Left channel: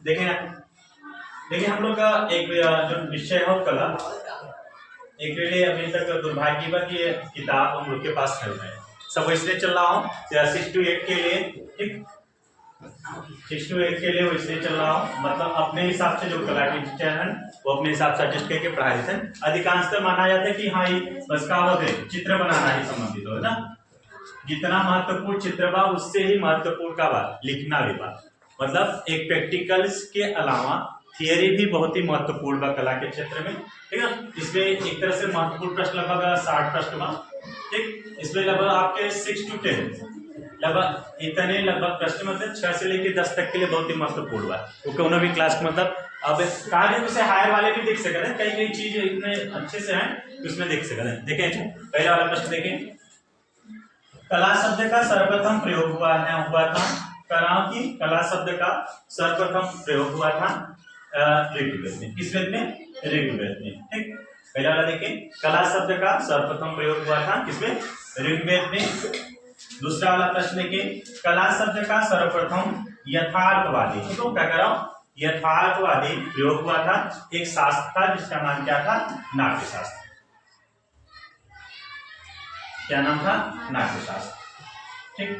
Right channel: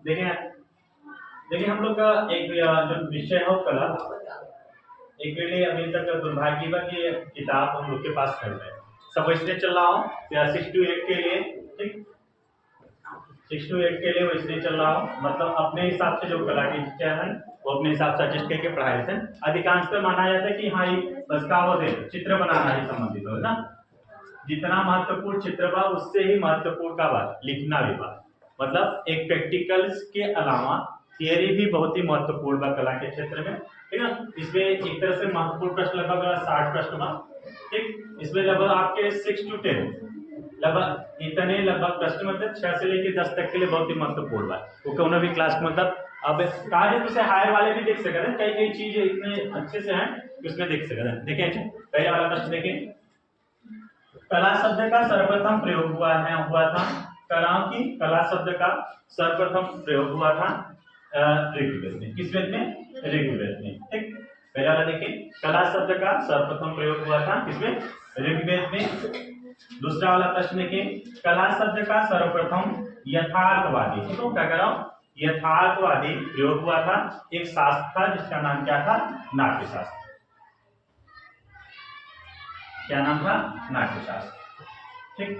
देखें देखिए हम लोग का एक जो विषय है कला, एक लिए अभी तक दुर्भाग्यवश ये किताब हम लोग के पास चल रहा है। सब इसलिए चल रहा हूँ 6 to 8 के लिए, ठीक 6 to 8 के लिए वो इसलिए चल रहा हूँ, मतलब अपने हिसाब से जो कला के टीचर हैं वो अपने हिसाब से एडजस्ट करके पढ़ाए थे। अधिकांशतः माना जाता है कि हाँ ये बस कहावत है, चित्र बनाना ही संबंधित हो ना, जितना महत्वपूर्ण चित्र बा उससे ही महत्वपूर्ण का बात लिखना भी बा, मतलब एक प्रैक्टिकल्स के अलावा थियरी भी बहुत ही महत्वपूर्ण बा कला के क्षेत्र में, ठीक है। इसमें एक तरह से महत्वपूर्ण प्रश्न लगभग 60 प्रश्न बा, ठीक। इसमें लगभग आपके 6 to 10 लगभग इतने लगभग प्रश्न मतलब 6 से लेकर 10 तक के लिए बहुत ही महत्वपूर्ण बा। वो कोनो भी क्लास के मतलब अब कार्य से हायर वाले भी देख सकते हैं, कई कई चीज इतने अच्छे से हैं कि उसमें देख सकते हैं। देखें पहला वाला प्रश्न देखें, कला शब्द का सर्वप्रथम प्रयोग हुआ था, कराओ की कला शब्द का सर्वप्रथम प्रयोग हुआ था ऋग्वेद में। किस वेद में? ऋग्वेद में, ठीक। पहला वाला देखें, कला शब्द का सर्वप्रथम प्रयोग हुआ था किसमें? ऋग्वेद में। दूसरा वाला प्रश्न देखें, कला शब्द का सर्वप्रथम यथार्थवादी, ठीक है, क्या कर रहा हूं, यथार्थवादी प्रयोग हुआ था एक शास्त्र था जिसका नाम क्या था? नाट्य शास्त्र। क्या नाम था? नाट्य शास्त्र, ठीक।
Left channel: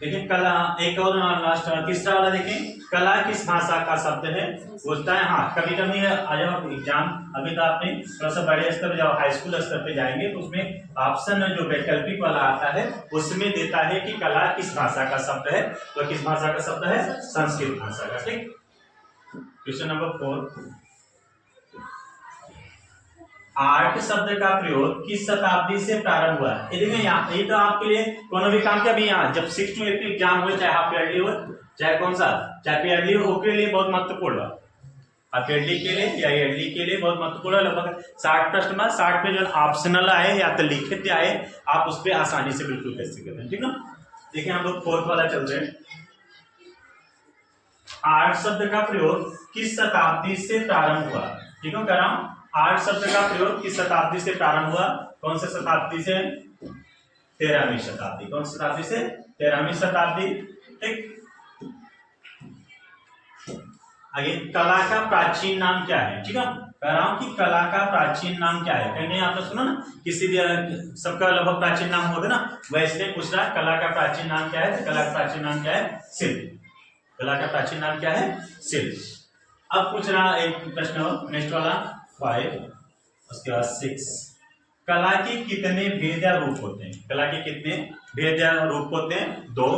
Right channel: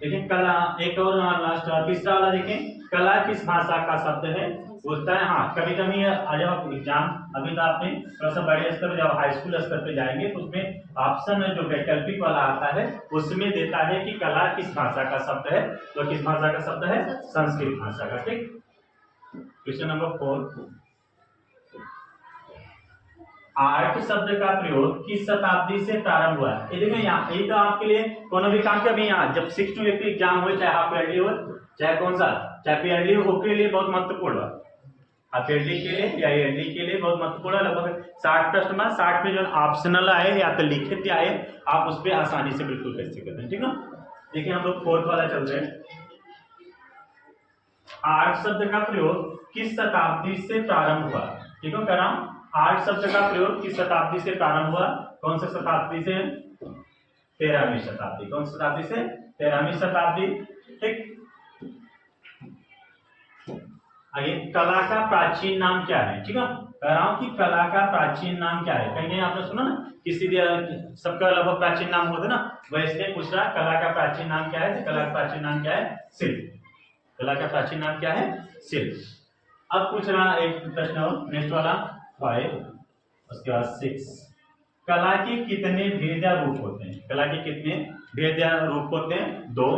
देखिए कला, एक और लास्ट तीसरा वाला देखें, कला किस भाषा का शब्द है? पूछता है। हाँ कभी कभी जब एग्जाम, अभी तो आपने थोड़ा सा बड़े स्तर पे, जब हाई स्कूल स्तर पे जाएंगे तो उसमें ऑप्शन में जो वैकल्पिक वाला आता है उसमें देता है कि कला किस भाषा का शब्द है, तो किस भाषा का शब्द है? संस्कृत भाषा का, ठीक। क्वेश्चन नंबर 4, आर्ट शब्द का प्रयोग किस शताब्दी से प्रारंभ हुआ? ये देखिए यहाँ, ये तो आपके लिए कोनो भी काम के अभी यहाँ जब 6 to 8 एग्जाम हो, चाहे हाफ ईयरली हो चाहे कौन सा, चाहे ईयरली हो, के लिए बहुत महत्वपूर्ण है। हाफ ईयरली के लिए या ईयरली के लिए बहुत महत्वपूर्ण है। लगभग 60 प्रश्न में 60 में जो ऑप्शनल आए या तो लिखित आए, आप उस पर आसानी से बिल्कुल कर सकते हैं, ठीक है। देखिए हम लोग 4th वाला चल रहे हैं, आर्ट शब्द का प्रयोग किस शताब्दी से प्रारंभ हुआ? ठीक है, कह रहा हूं आर्ट शब्द का प्रयोग किस शताब्दी से प्रारंभ हुआ? कौन सी शताब्दी से? 13वीं शताब्दी। कौन सी शताब्दी से? 13वीं शताब्दी, ठीक। आगे, कला का प्राचीन नाम क्या है? ठीक है, कह रहा हूं कि कला का प्राचीन नाम क्या है। कहीं आपने सुना ना किसी सबका लगभग प्राचीन नाम होता है ना, वैसे पूछ रहा है कला का प्राचीन नाम क्या है? तो कला का प्राचीन नाम क्या है? शिल्प। कला का प्राचीन नाम क्या है? शिल्प। अब पूछ रहा एक प्रश्न नेक्स्ट वाला 5, उसके बाद 6, कला के कितने भेद या रूप होते हैं? कला के कितने भेद या रूप होते हैं? 2,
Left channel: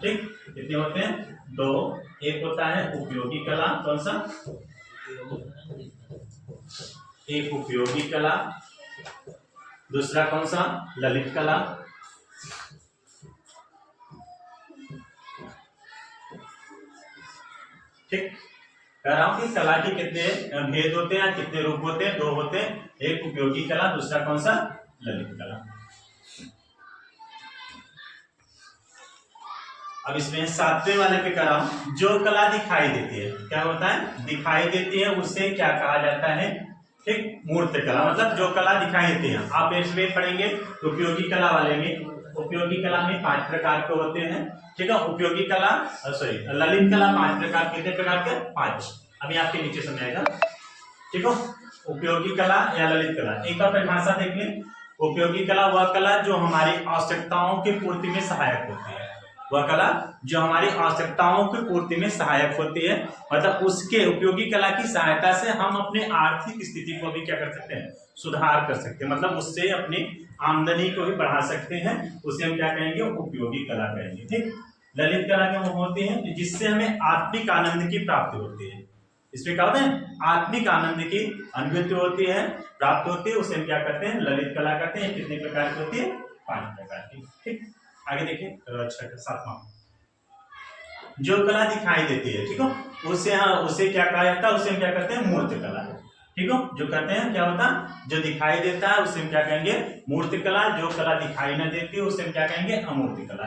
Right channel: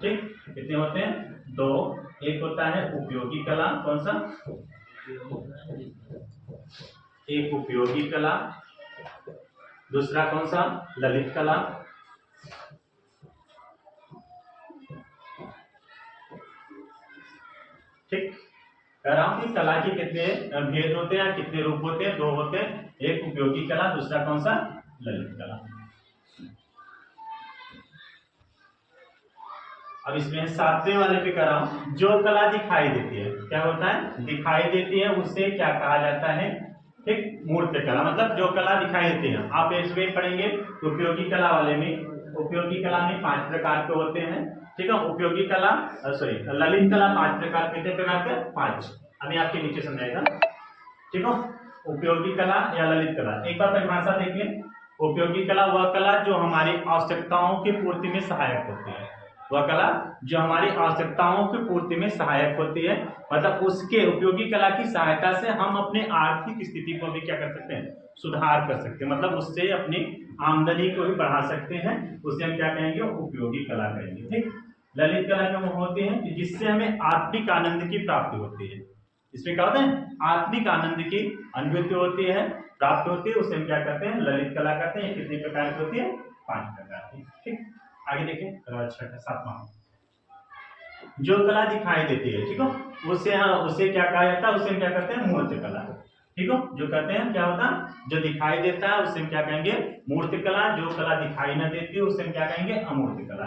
ठीक। कितने होते हैं? 2। एक होता है उपयोगी कला, कौन सा? एक उपयोगी कला, दूसरा कौन सा? ललित कला, ठीक। कह रहा हूं कि कला के कितने भेद होते हैं, कितने रूप होते हैं? 2 होते हैं, एक उपयोगी कला, दूसरा कौन सा? ललित कला। अब इसमें 7वें वाले पे कर रहा हूं, जो कला दिखाई देती है, क्या होता है? दिखाई देती है, उससे क्या कहा जाता है? ठीक, मूर्त कला, मतलब जो कला दिखाई देती है। आप इसमें पढ़ेंगे उपयोगी कला वाले में, उपयोगी कला में 5 प्रकार के होते हैं, ठीक है। उपयोगी कला सॉरी ललित कला 5 प्रकार, कितने प्रकार के? 5। अभी आपके नीचे समझाएगा, ठीक है। उपयोगी कला या ललित कला, एक बार परिभाषा देख लें। उपयोगी कला वह कला जो हमारी आवश्यकताओं की पूर्ति में सहायक होती है, वह कला जो हमारी आवश्यकताओं की पूर्ति में सहायक होती है, मतलब उसके उपयोगी कला की सहायता से हम अपने आर्थिक स्थिति को भी क्या कर सकते हैं? सुधार कर सकते हैं, मतलब उससे अपनी आमदनी को भी बढ़ा सकते हैं, उसे हम क्या कहेंगे? उपयोगी कला कहेंगे, ठीक। ललित कला क्या होती है? जिससे हमें आत्मिक आनंद की प्राप्ति होती है। इसमें क्या होता है? आत्मिक आनंद की अनुभूति होती है, प्राप्त होती है, उसे हम क्या करते हैं? ललित कला करते हैं। कितने प्रकार की होती है? 5 प्रकार की, ठीक। आगे देखिए 7वां, जो कला दिखाई देती है, ठीक है, उसे क्या कहा जाता है? उसे हम क्या करते हैं? मूर्त कला, ठीक है। जो कहते हैं क्या होता है? जो दिखाई देता है उसे हम क्या कहेंगे? मूर्त कला। जो कला दिखाई ना देती है उसे हम क्या कहेंगे? अमूर्त कला,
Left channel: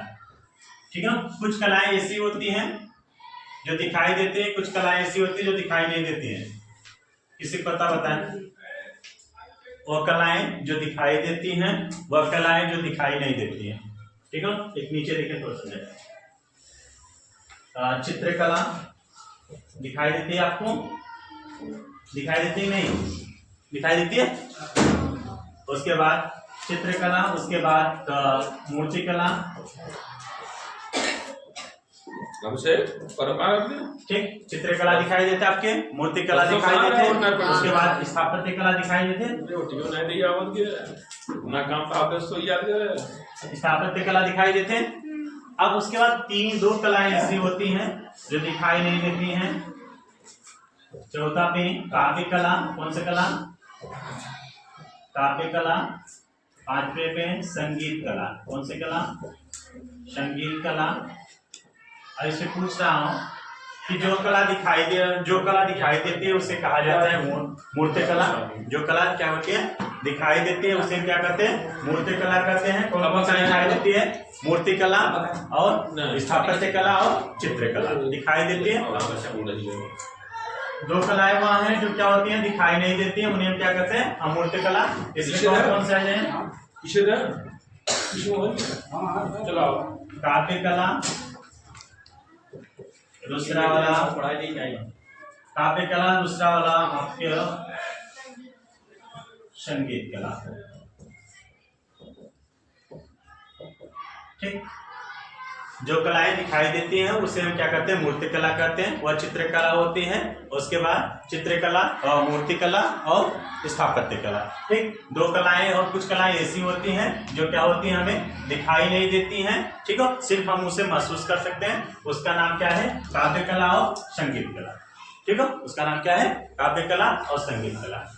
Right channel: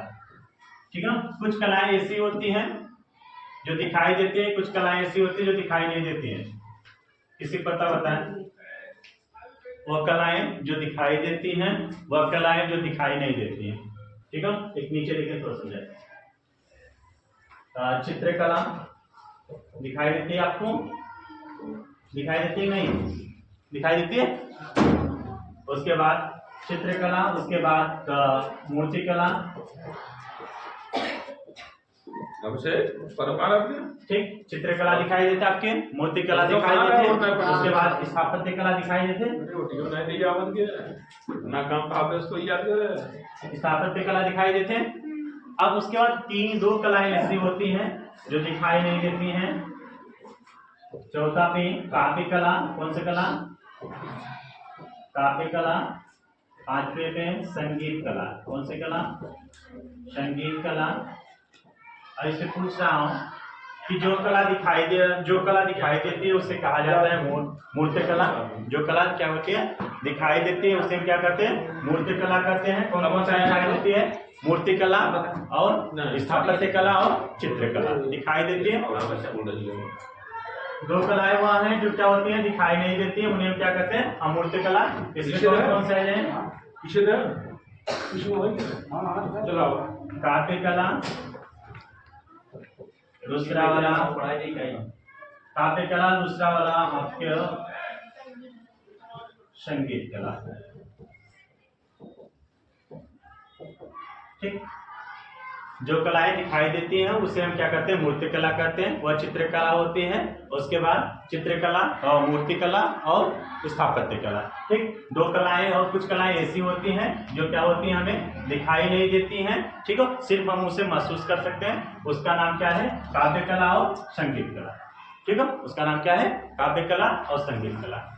ठीक है। कुछ कलाएं ऐसी होती हैं जो दिखाई देती है, कुछ कलाएं ऐसी होती है जो दिखाई नहीं देती है। किसी को पता बताएं? वह कलाएं जो दिखाई देती हैं, वह कलाएं जो दिखाई नहीं देती हैं, ठीक है। एक नीचे देखें थोड़ा समझाए, चित्रकला, दिखाई देती है आपको? दिखाई देती है नहीं? दिखाई देती है। उसके बाद चित्रकला, उसके बाद मूर्तिकला, ठीक। चित्रकला दिखाई देते आपके, मूर्तिकला दिखाई देते, उसके बाद स्थापत्य कला दिखाई देते, स्थापत्य कला दिखाई देते। अब उसके बाद दो कलाएं ऐसी होती हैं जो दिखाई नहीं देती हैं। चौथा पे काव्य कला, कौन सी कला? काव्य कला। पांचवे पे संगीत कला, कौन सी कला? संगीत कला। ऐसे पूछ रहा हूं कि जो कला दिखाई देती है उसे कहा जाता है मूर्त कला। जो कला क्या होती है? दिखाई देती है, उसे क्या कहते हैं? मूर्त कला कहते हैं। कौन कौन सा दिखाई देती है? मूर्ति कला और स्थापत्य कला और चित्रकला दिखाई देती है। दो कलाएं वहां हैं जो क्या होती हैं? दिखाई नहीं देती है, उन्हें हम क्या कहते हैं? अमूर्त कला। इसमें कौन कौन से हैं? काव्य कला, दूसरा वाला काव्य कला, दूसरा वाला आपके संगीत कला, ठीक। जो कलाएं दिखाई देती हैं उसे हम क्या कहते हैं? मूर्ति कला कहते हैं। वह चित्रकला होती है। उसके बाद चित्रकला और मूर्ति कला और स्थापत्य कला, ठीक। दो कलाएं और कुछ कलाएं ऐसी होती हैं जो क्या होती हैं? हमें दिखाई नहीं देती हैं, ठीक है, सिर्फ हम उसे महसूस कर सकते हैं। उसका नाम क्या है? काव्य कला और संगीत कला, ठीक है। उसका नाम क्या है? काव्य कला और संगीत कला।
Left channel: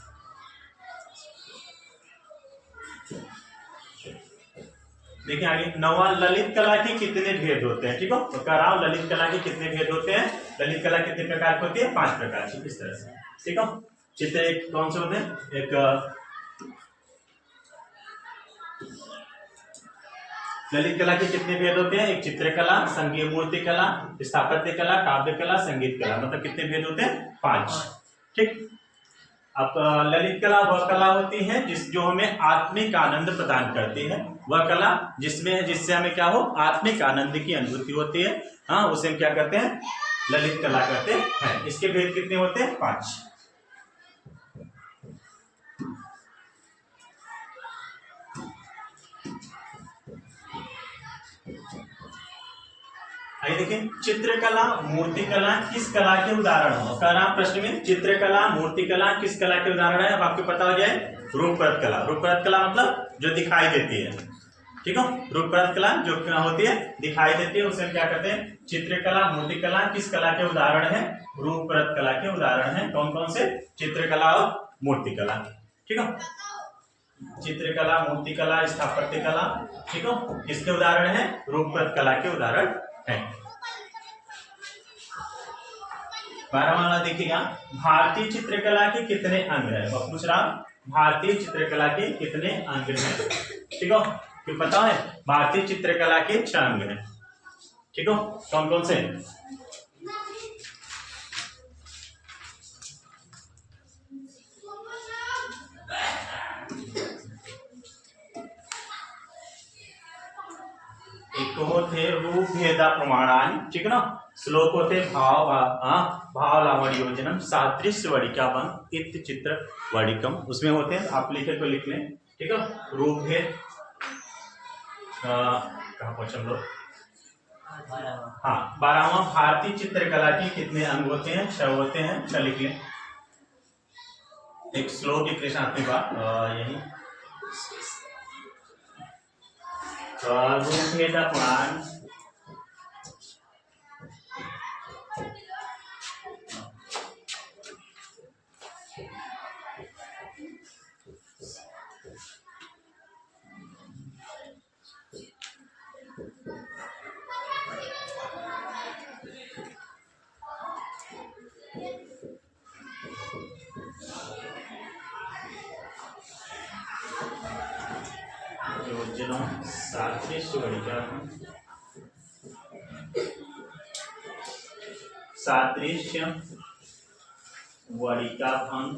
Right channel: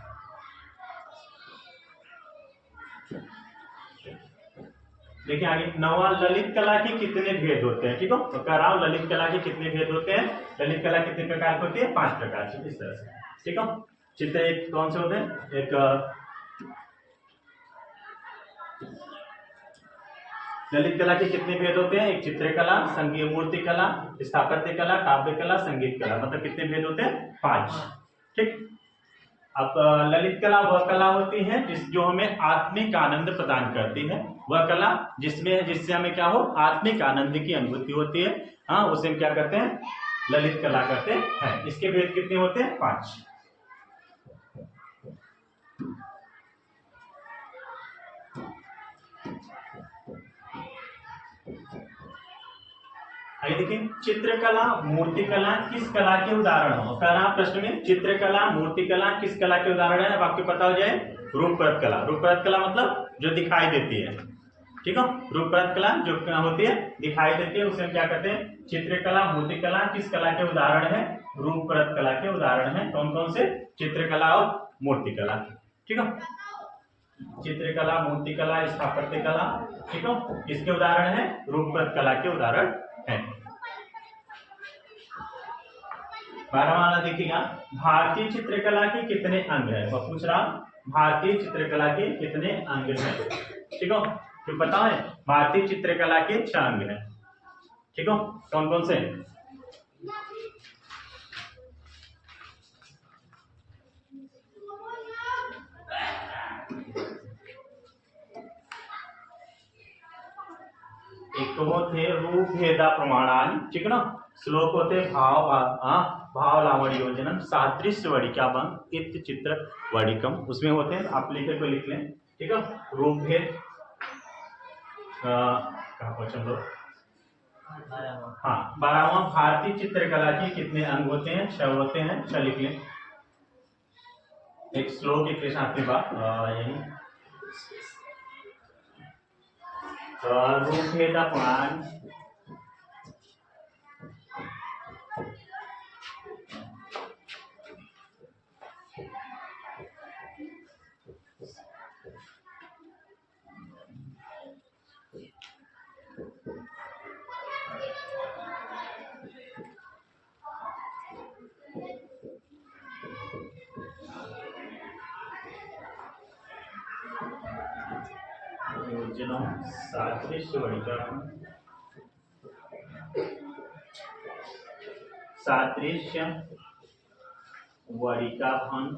देखिए आगे, नवा ललित कला के कितने भेद होते हैं, ठीक है। तो कह रहा हूं ललित कला के कितने भेद होते हैं? ललित कला कितने प्रकार की होती है? 5 प्रकार की, इस तरह से, ठीक है। चित्र एक कौन से होते हैं? एक ललित कला के कितने भेद होते हैं? एक चित्रकला, संगीत, मूर्ति कला, स्थापत्य कला, काव्य कला, संगीत कला, मतलब कितने भेद होते हैं? 5, ठीक। अब ललित कला वह कला होती है जो हमें आत्मिक आनंद प्रदान करती है। वह कला जिससे हमें क्या हो? आत्मिक आनंद की अनुभूति होती है। हाँ, उसे हम क्या कहते हैं? ललित कला कहते हैं। इसके भेद कितने होते हैं? 5। आइए देखें, चित्रकला, मूर्तिकला किस कला के उदाहरण हो? कह रहा प्रश्न में, चित्रकला, मूर्तिकला किस कला के उदाहरण है? अब आपको पता हो जाए, रूपरत कला। रूपरत कला मतलब जो दिखाई देती है, ठीक है। रूपरत कला जो क्या होती है? दिखाई देती है, उसे हम क्या कहते हैं? चित्रकला। मूर्तिकला किस कला के उदाहरण है? रूपरत कला के उदाहरण है। कौन कौन से? चित्रकला और मूर्तिकला, ठीक है। चित्रकला, मूर्तिकला, स्थापत्य कला, ठीक है, किसके उदाहरण है? रूपरत कला के उदाहरण है। 12वां वाला देखिएगा, भारतीय चित्रकला के कितने अंग है? वह पूछ रहा, भारतीय चित्रकला के कितने अंग हैं, ठीक है। क्यों पता है? भारतीय चित्रकला के 6 अंग हैं, ठीक है। कौन कौन से? एक होते रूप भेदा प्रमाणानि, ठीक है ना। श्लोक होते भाव लावण्य योजनम, सादृश्य वडिकाभंग, इत्थ चित्र वडिकम, उसमें होते हैं। आप लिखे तो लिख लें, ठीक है। रूप भेद, कहाँ पहुंचे हम लोग? हाँ, 12वां, भारतीय चित्रकला के कितने अंग होते हैं? 6 होते हैं। 6 लिख लें। एक श्लोक एक कृष्णात्मी बात यही रूप भेद पुराण, योजनम सादृश्य वडिकाभंग, सादृश्य वडिकाभंग,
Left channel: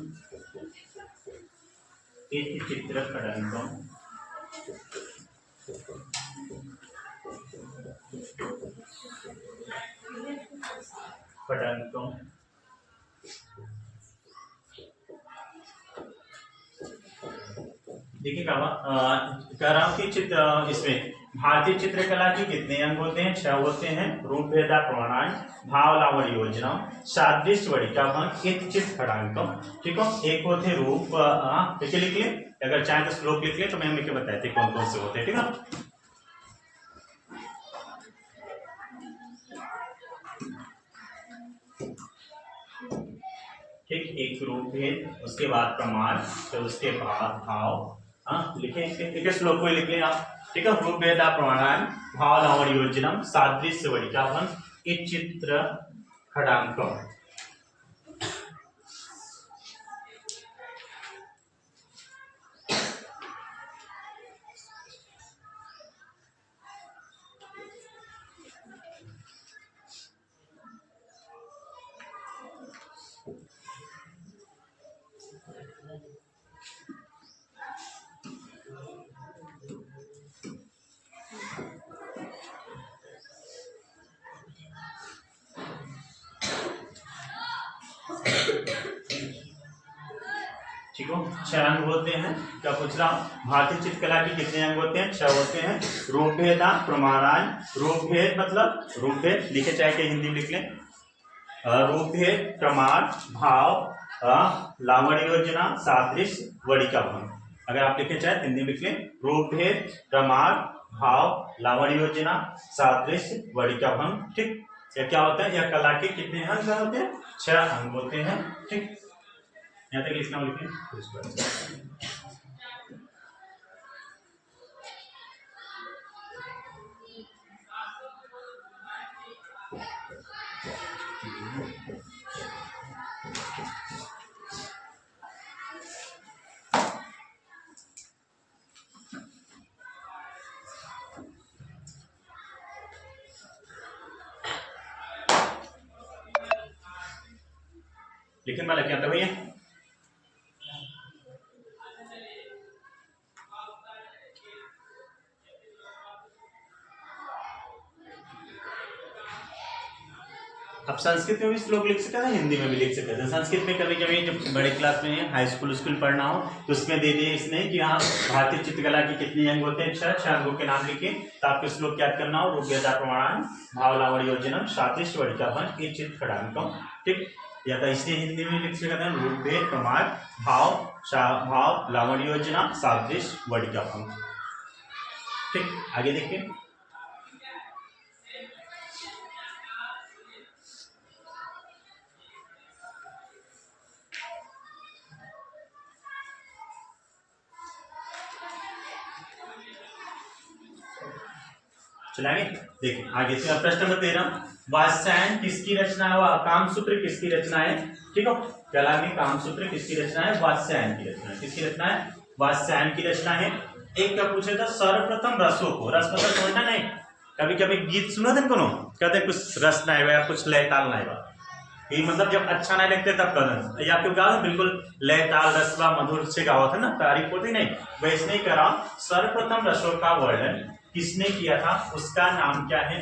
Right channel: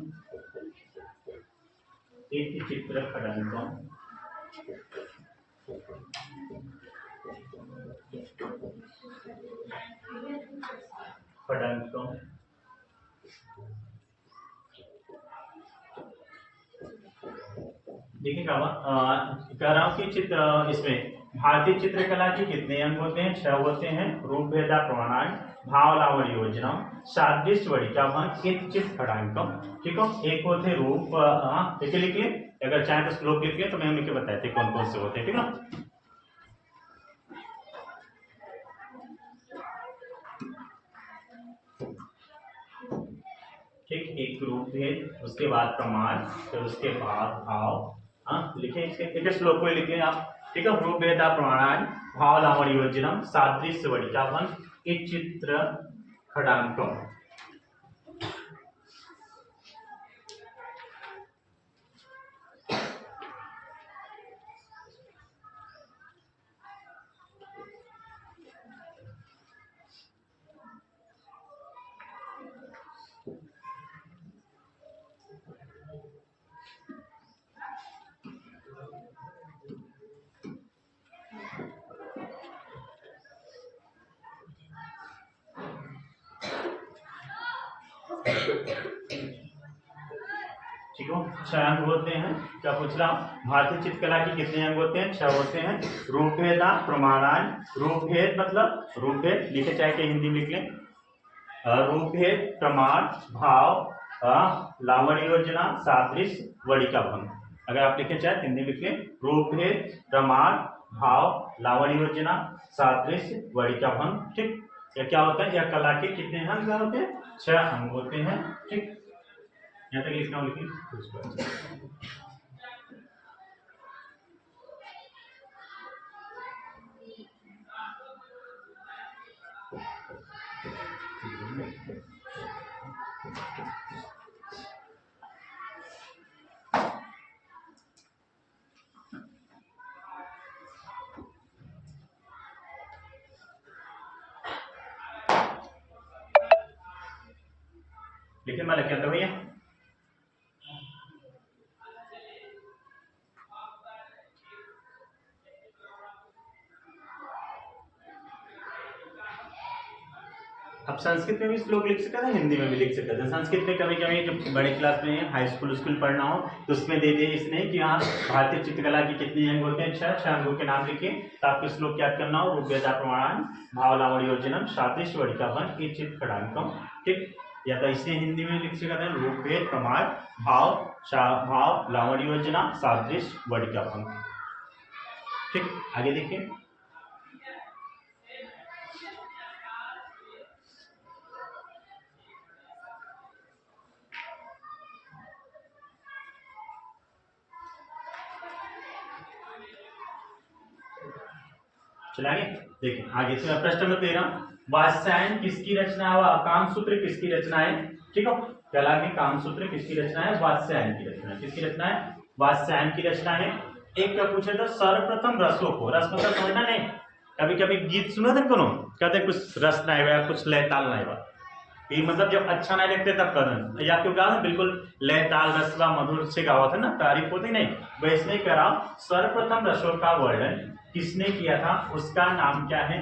इत्थ चित्र खडंकम, खडंकम, देखिए कह रहा हूँ कि चित्र इसमें भारतीय चित्रकला के कितने अंग होते हैं? 6 होते हैं। रूप भेदा प्रमाण, भाव लावण्य योजना, सादृश्य वरिका भंग, इत चित खड़ांकम। ठीक है, एक होते रूप, लिख ले, अगर चाहे तो श्लोक लिख ले, तो मैं हमें बताते कौन कौन से होते हैं। ठीक है, ठीक, एक रूप भेद, उसके बाद प्रमाण, फिर उसके बाद भाव। लिखे श्लोक को लिख लें आप। ठीक है, रूप भेदा प्रमाण, भाव लावण्य योजना, सादृश्य वरिका भंग, इत चित्र खड़ांकम। ठीक हो, 6 अंग होते हैं। क्या पूछ रहा हूँ? भारतीय चित्रकला के कितने अंग होते हैं? 6 होते हैं। रूप भेदा प्रमाणान, रूप भेद मतलब रूप भेद लिखे, चाहे के हिंदी में लिख लें। रूप भेद, प्रमाण, भाव, लावण्य योजना, सादृश्य, वरिका भंग। अगर आप लिखे चाहे हिंदी में लिख लें। रूप भेद, प्रमाण, भाव, लावण्य योजना, सादृश्य, वरिका भंग। ठीक, क्या होता है? यह कला के कितने अंग होते हैं? 6 अंग होते हैं। ठीक, यहाँ तक इसका लिखें। लिखिए, मैं लिख आता भैया। आप संस्कृत में भी श्लोक लिख सकते हैं, हिंदी में भी लिख सकते हैं। संस्कृत में कभी कभी जब बड़े क्लास में हाई स्कूल पढ़ना हो तो उसमें दे दिए इसने कि हाँ भारतीय चित्रकला के कितने अंग होते हैं? 6 अंगों के नाम लिखे, तो आपको श्लोक याद करना हो। रूप भेदा प्रमाण, भाव लावण्य योजनम, सादृश्य वरिका भंग, इत चित खड़ांकम। ठीक, या तो इसने हिंदी में लिख सकते हैं। रूप भेद, प्रमाण, भाव लावण्य योजना, सादृश्य, वरिका भंग। ठीक, आगे देखिए। चलाएंगे, देखिए आगे से प्रश्न नंबर 13, वात्स्यायन किसकी रचना है? कामसूत्र किसकी रचना है? ठीक है, कला के कामसूत्र किसकी रचना है? वात्स्यायन की रचना है। किसकी रचना है? वात्स्यायन की रचना है। एक क्या पूछे था? सर्वप्रथम रसों को, रस मतलब समझना नहीं, कभी कभी गीत सुना था कोनो, कहते कुछ रस ना है, कुछ लय ताल ना है, ये मतलब जब अच्छा नहीं लगते तब करना, या क्यों गा बिल्कुल लय ताल रसवा मधुर से गावा था ना, तारीफ होती नहीं, वैसे नहीं करा। सर्वप्रथम रसों का वर्णन किसने किया था? उसका नाम क्या है?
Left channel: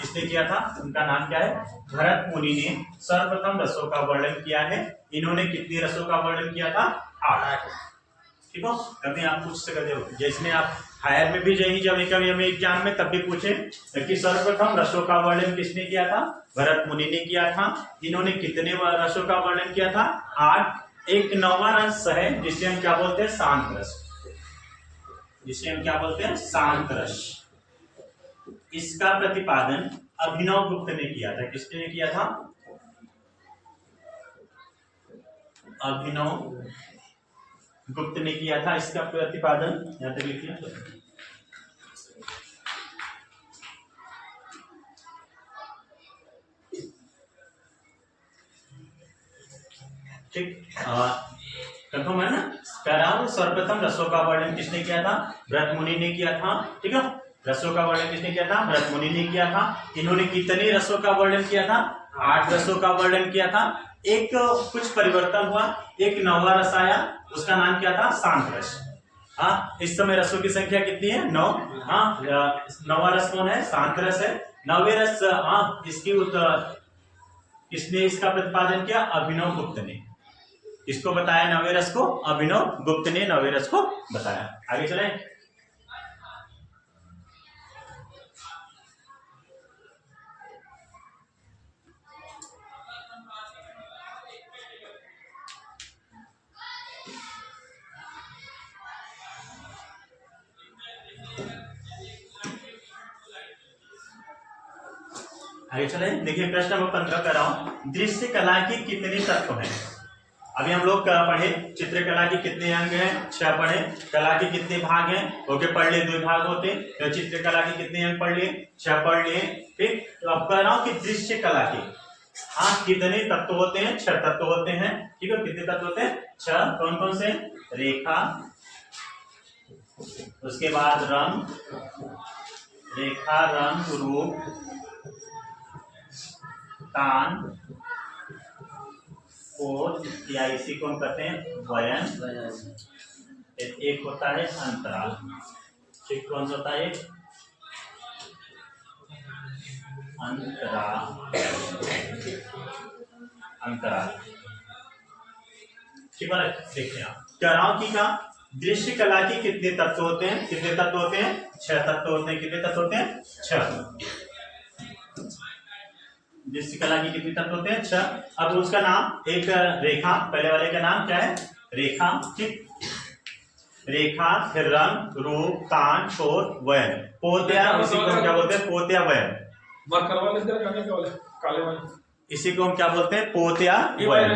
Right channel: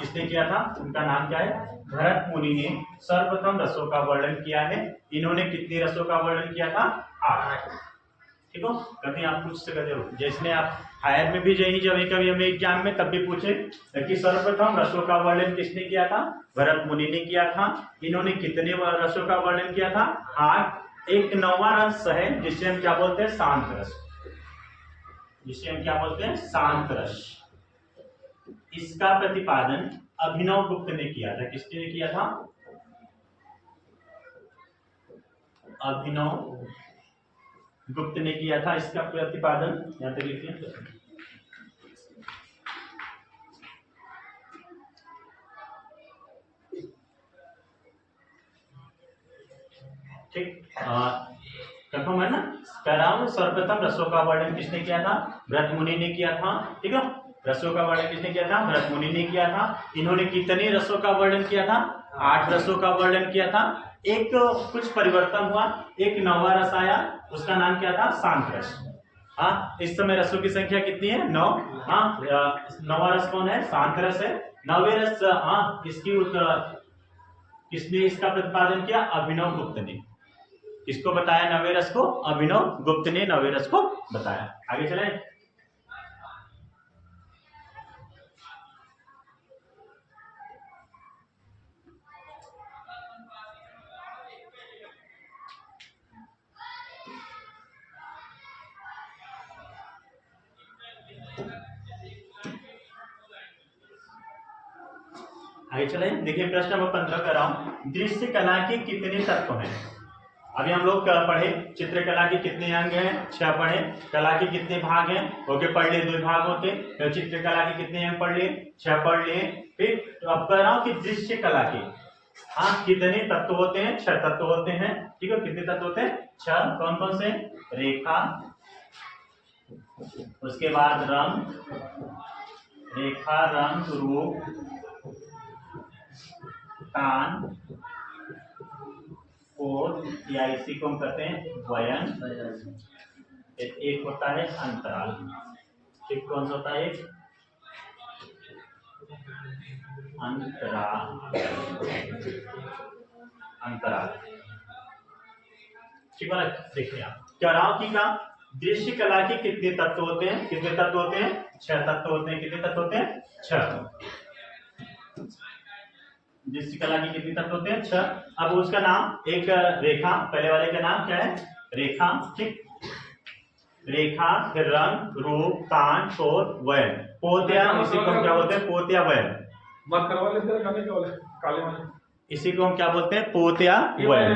किसने किया था? उनका नाम क्या है? भरत मुनि ने सर्वप्रथम रसों का वर्णन किया है। इन्होंने कितने रसों का वर्णन किया था? 8। ठीक हो, कभी आप पूछ सकते हो, जैसे आप हायर में भी यही जब कभी हमें एग्जाम में तब भी पूछे कि सर्वप्रथम रसों का वर्णन किसने किया था? भरत मुनि ने किया था। इन्होंने कितने रसों का वर्णन किया था? 8। एक 9वां रस है जिसे हम क्या बोलते हैं? शांत रस, जिसे हम क्या बोलते हैं? शांत रस। इसका प्रतिपादन अभिनव गुप्त ने किया था। किसने किया था? अभिनव गुप्त ने किया था इसका प्रतिपादन। यहां तक लिखिए। ठीक, कंफर्म है ना? कह रहा हूं सर्वप्रथम रसों का वर्णन किसने किया था? भरत मुनि ने किया था। ठीक है, रसों का वर्णन किसने किया था? भरत मुनि ने किया था। इन्होंने कितने रसों का वर्णन किया था? 8 रसों का वर्णन किया था। एक कुछ परिवर्तन हुआ, एक 9वां रस आया, उसका नाम क्या था? शांत रस। इस समय रसों की संख्या कितनी है? 9। 9वां रस कौन है? शांत रस है। 9वें रस इसकी किसने इसका प्रतिपादन किया? अभिनव गुप्त ने। किसको बताया? नौवें रस को अभिनव गुप्त ने नौवें रस को बताया। आगे चले। आगे चले। देखिए प्रश्न नंबर 15 कर रहा हूं। दृश्य कला के कितने तत्व हैं? अभी हम लोग पढ़े चित्रकला के कितने अंग हैं? 6 पढ़े। कला के कितने भाग हैं? ओके पढ़ लिए, 2 भाग होते। तो चित्रकला के कितने अंग पढ़ लिए? 6 पढ़ लिए। ठीक, तो अब कह रहा हूं कि दृश्य कला के कितने तत्व होते हैं? 6 तत्व होते हैं। ठीक है, कितने तत्व होते हैं? 6। कौन कौन से? रेखा, उसके बाद रंग, रेखा, रंग, रूप, तान, कोड, या इसी को हम कहते हैं वयन। एक होता है अंतराल। ठीक, कौन सा होता है? अंतराल। अंतराल। ठीक है, देखिए आप कह रहा हूं कि क्या दृश्य कला के कितने तत्व होते हैं? कितने तत्व होते हैं? 6 तत्व होते हैं। कितने तत्व होते हैं? 6। दृश्य कला की कितने तत्व होते हैं? 6। अब उसका नाम एक रेखा, पहले वाले का नाम क्या है? रेखा। ठीक, रेखा, फिर रंग, रूप, तान, पोत, वयन। पोत या इसी को हम क्या बोलते हैं? पोत या वयन। इसी को हम क्या बोलते हैं? पोत या वयन।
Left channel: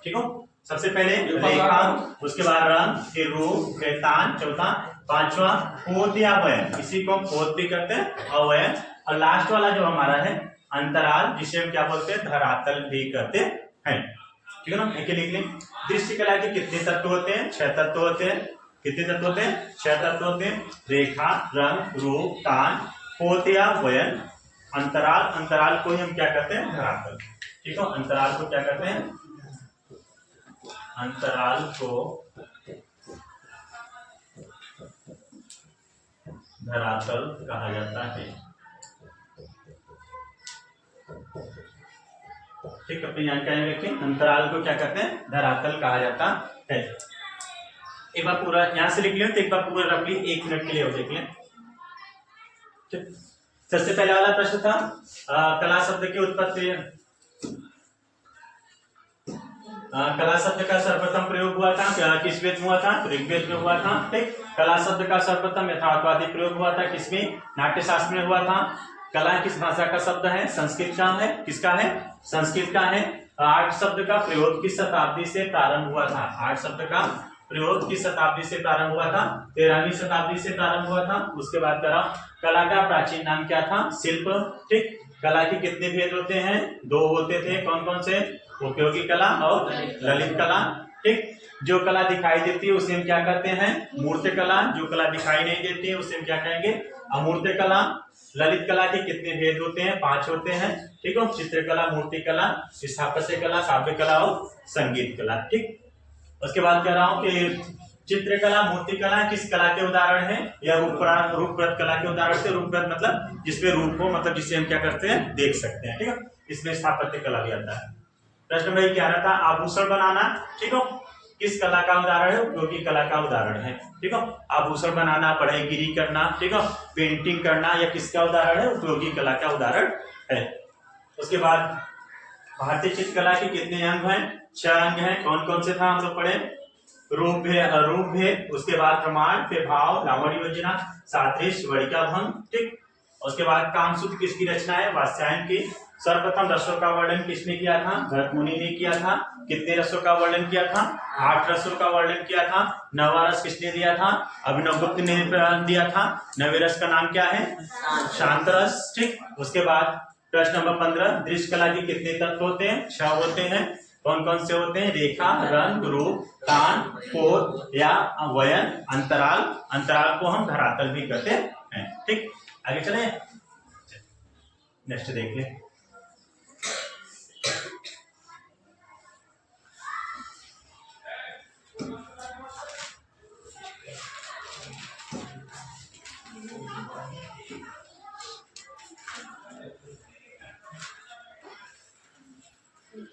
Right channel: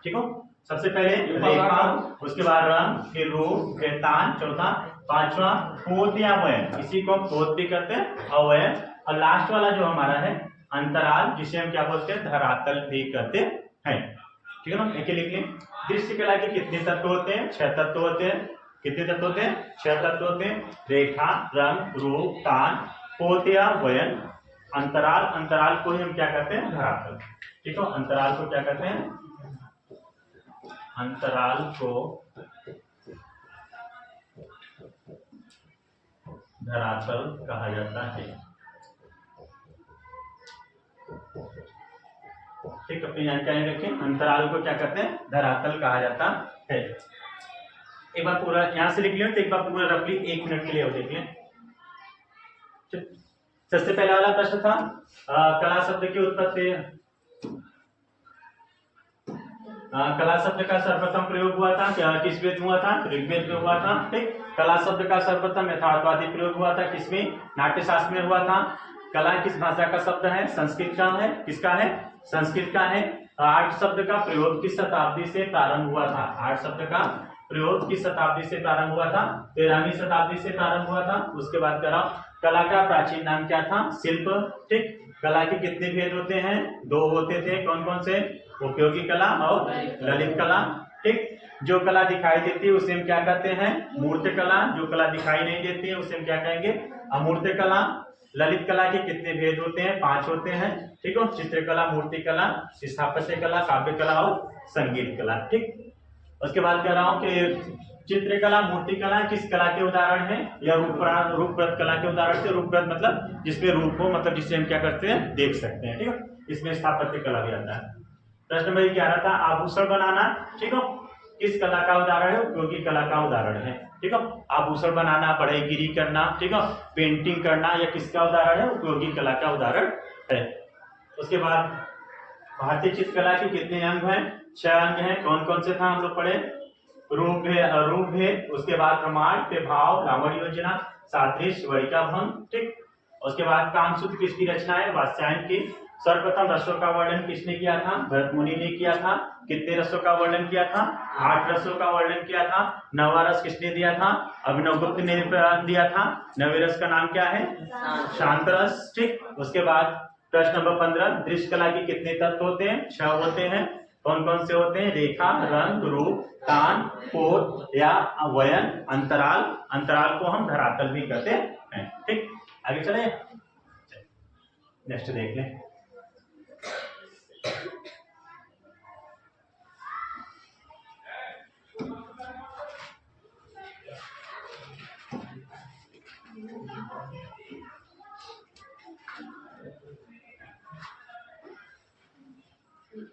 ठीक हो, सबसे पहले रेखा, उसके बाद रंग, फिर रूप, फिर तान, चौथा, 5वां पोत या वयन। इसी को हम पोत भी करते हैं और वयन। और लास्ट वाला जो हमारा है अंतराल, जिसे हम क्या बोलते हैं? धरातल भी कहते हैं। ठीक है ना, एक लिख लें। दृश्य कला के कितने तत्व होते हैं? 6 तत्व होते हैं। कितने तत्व होते हैं? 6 तत्व होते हैं। रेखा, रंग, रूप, तान, पोत या वयन, अंतराल। अंतराल को ही हम क्या कहते हैं? धरातल। ठीक है, अंतराल को क्या कहते हैं? अंतराल को धरातल कहा जाता है। ठीक, अपनी जानकारी रखें। अंतराल को क्या कहते हैं? धरातल कहा जाता है। एक बार पूरा यहां से लिख लियो, तो एक बार पूरा रख ली, 1 मिनट के लिए और देख लें। सबसे पहला वाला प्रश्न था कला शब्द की उत्पत्ति। कला शब्द का सर्वप्रथम प्रयोग हुआ था किस वेद में हुआ था? ऋग्वेद में हुआ था। ठीक, कला शब्द का सर्वप्रथम यथार्थवादी प्रयोग हुआ था किसमें? नाट्यशास्त्र में हुआ था। कला किस भाषा का शब्द है? संस्कृत का है। किसका है? संस्कृत का है। आर्ट शब्द का प्रयोग किस शताब्दी से प्रारंभ हुआ था? आर्ट शब्द का प्रयोग किस शताब्दी से प्रारंभ हुआ था? 13वीं शताब्दी से प्रारंभ हुआ था। उसके बाद करा कला का प्राचीन नाम क्या था? शिल्प। ठीक, कला के कितने भेद होते हैं? 2 होते थे। कौन कौन से? उपयोगी कला और ललित कला। ठीक, जो कला दिखाई देती है उसे हम क्या कहते हैं? मूर्त कला। जो कला दिखाई नहीं देती है उसे हम क्या कहेंगे? अमूर्त कला। ललित कला के कितने भेद होते हैं? 5 होते हैं। ठीक है, चित्रकला, मूर्ति कला, स्थापत्य कला, काव्य कला और संगीत कला। ठीक, उसके बाद कह रहा हूं कि चित्रकला, मूर्ति कला किस कला के उदाहरण है? या रूपप्रद कला के उदाहरण से। रूपप्रद मतलब जिसमें रूप हो, मतलब जिसे हम क्या करते हैं? देख सकते हैं। ठीक है, इसमें स्थापत्य कला भी आता है। प्रश्न में क्या रहा था? आभूषण बनाना। ठीक है, किस कला का उदाहरण है? उपयोगी कला का उदाहरण है। ठीक है, आभूषण बनाना, बढ़ईगिरी करना, ठीक है, पेंटिंग करना, यह किसका उदाहरण है? उपयोगी कला का उदाहरण है। उसके बाद भारतीय चित्रकला के कितने अंग हैं? 6 अंग हैं। कौन कौन से था हम लोग पढ़े? रूप भेद, उसके बाद प्रमाण, फिर भाव, लावण्य योजना, सादृश्य, वरिका भंग। ठीक, उसके बाद कामसूत्र किसकी रचना है? वात्स्यायन की। सर्वप्रथम रसों का वर्णन किसने किया था? भरत मुनि ने किया था। कितने रसों का वर्णन किया था? 8 रसों का वर्णन किया था। 9वां रस किसने दिया था? अभिनव गुप्त ने दिया था। 9वें रस का नाम क्या है? शांत रस। ठीक, उसके बाद प्रश्न नंबर 15, दृश्य कला के कितने तत्व होते हैं? 6 होते हैं। कौन कौन से होते हैं? रेखा, रंग, रूप, तान, पोत या वयन, अंतराल। अंतराल को हम धरातल भी कहते हैं। ठीक, आगे चले, नेक्स्ट देख लें। चल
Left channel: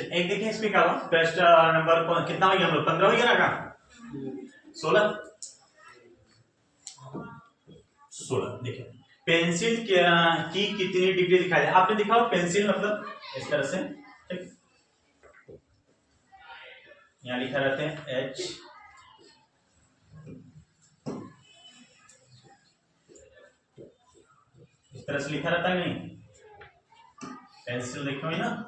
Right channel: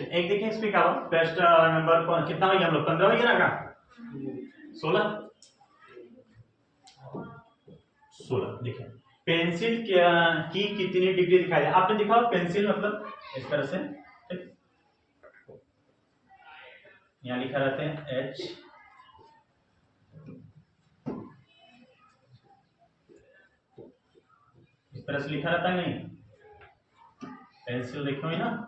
एक देखिए इसमें क्या हुआ, प्रश्न नंबर कितना हो गया हम लोग, 15 हो गया ना, 16 देखिए पेंसिल की कितनी डिग्री दिखाई दे, आपने दिखा पेंसिल मतलब इस तरह से, ठीक, यहाँ लिखा रहते हैं एच, इस तरह से लिखा रहता है नहीं, पेंसिल देखो ना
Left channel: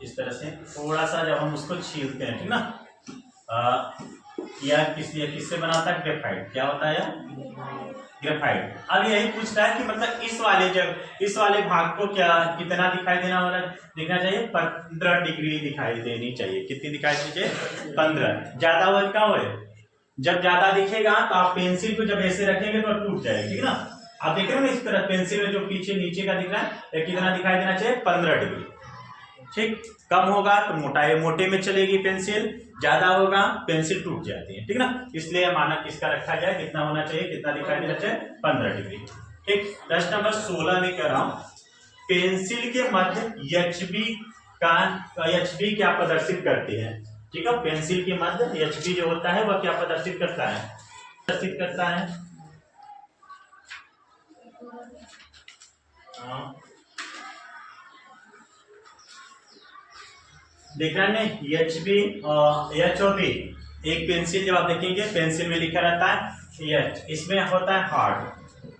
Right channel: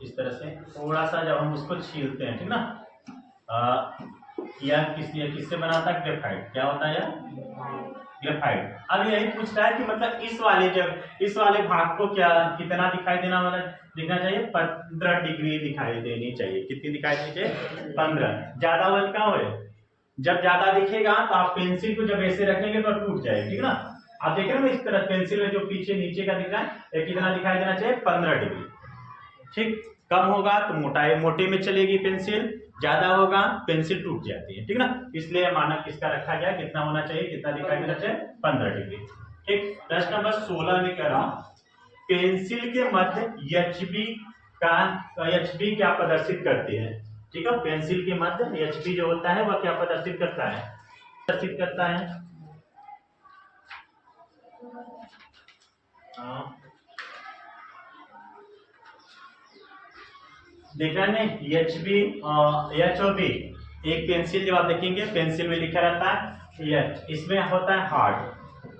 इस तरह से, थोड़ा सा जब हम उसको छीलते हैं, ठीक ना, या किससे बनाता है, ग्रेफाइट, क्या होता है ग्रेफाइट। अब यही पूछ रहा है कि मतलब इस वाले भाग को क्या कितना दिखाई दिखना चाहिए, 15 डिग्री दिखाई देनी चाहिए, कितनी दिखाई देनी चाहिए, 15, ज्यादा हुआ क्या हुआ, जब ज्यादा दिखेगा तो आप पेंसिल को जब ऐसे रखेंगे तो टूट जाएगा, ठीक ना, आप देख रहे हो ना इस तरह पेंसिल में जो पीछे नीचे का दिख रहा है, कितना दिखाई देना चाहिए, 15 डिग्री, ठीक, कम होगा तो मोटे में चलेगी पेंसिल, ज्यादा होगा पेंसिल टूट जाती है, ठीक ना, इसलिए मानक किसका रखा जाए, कितना होना चाहिए, कितना दिखाई देना चाहिए, 15 डिग्री, ठीक। प्रश्न नंबर 16 में कह रहा हूं, पेंसिल के मध्य एचबी क्या प्रदर्शित करते हैं, ठीक है, पेंसिल के मध्य एचबी जो होता है वह क्या प्रदर्शित करता है, देख रहे हैं एच बी, एच और बी, एक पेंसिल जब आप देखेंगे पेंसिल में लिखा रहता है एच, इसमें होता है हार्ड,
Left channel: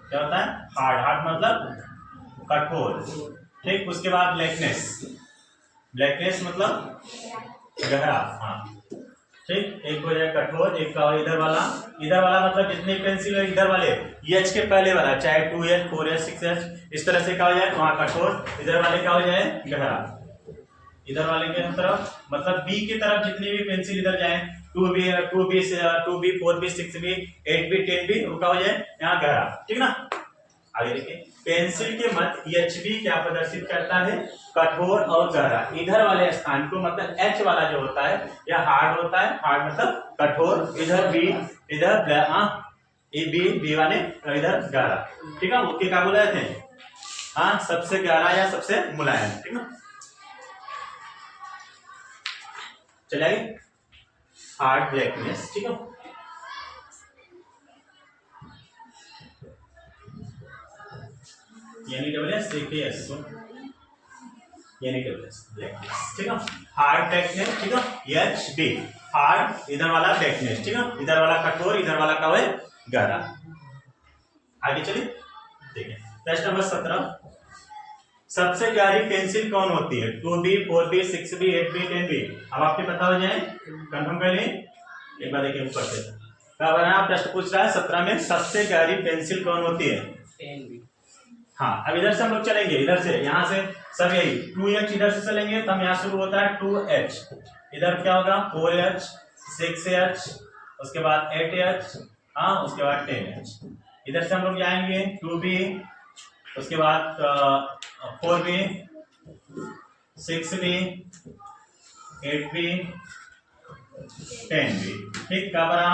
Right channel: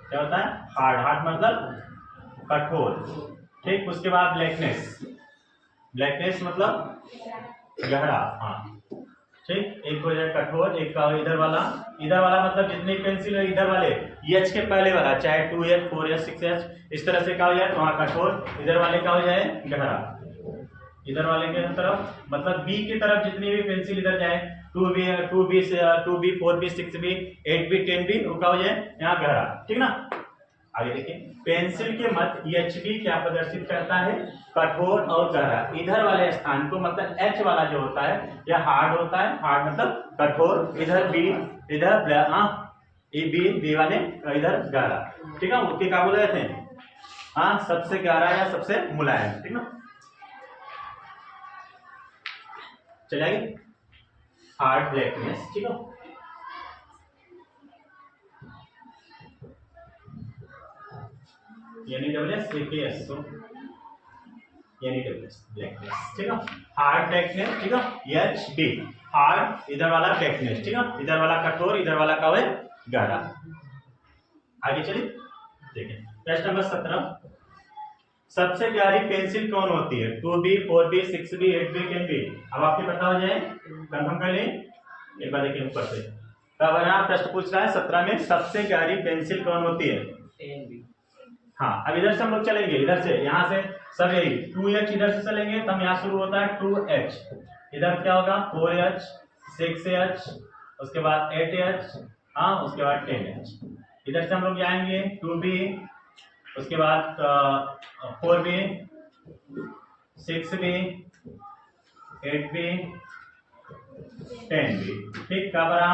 क्या होता है हार्ड मतलब कठोर, ठीक, उसके बाद ब्लैकनेस मतलब गहरा, हाँ ठीक, एक हो जाए कठोर, एक का इधर वाला मतलब जितनी पेंसिल है इधर वाले एच के पहले वाला, चाहे 2H 4H 6H, इस तरह से क्या हो जाए वहां कठोर, इधर वाले का हो जाए गहरा, इधर वाले के तरफ मतलब बी की तरफ जितनी भी पेंसिल इधर जाए, 2B 4B 6B 8B 10B रुका हो जाए यहाँ गहरा, ठीक ना। आगे देखिए पेंसिल के मध्य एचबी क्या प्रदर्शित करता है, कठोर और गहरा, इधर वाले स्थान को मतलब एच वाला जो होता है यह हार्ड होता है, हार्ड मतलब कठोर, इधर बी इधर बी वाले इधर गहरा, ठीक है, उसके क्या बोल रहे थे, हाँ सबसे गहरा या सबसे मुलायम, ठीक ना। चलिए हार्ड ब्लैकनेस, ठीक है, यानी ब्लैकनेस, ठीक है, हार्ड ब्लैकनेस, ठीक है, एच बी हार्ड, इधर वाला ब्लैकनेस, ठीक है, इधर वाला कठोर, इधर वाला का है गहरा। आगे चलिए देखें प्रश्न नंबर 17, सबसे गहरी पेंसिल कौन होती है, 2B 4B 6B 8B 10B, अब आपके पता हो जाए कंफर्म कर लें, एक बार देखिए ऊपर से प्रश्न पूछ रहा है 17 में सबसे गहरी पेंसिल कौन होती है, 10B। हाँ अब इधर से हम लोग चलेंगे, इधर से यहाँ से सब यही 2H इधर से चलेंगे तो हम यहाँ शुरू होता है 2H, इधर क्या होगा 4H 6H, उसके बाद 8H, हाँ उसके बाद 10H, इधर से हम लोग जाएंगे 2B, उसके बाद 4B 6B 8B 10B, ठीक, क्या बना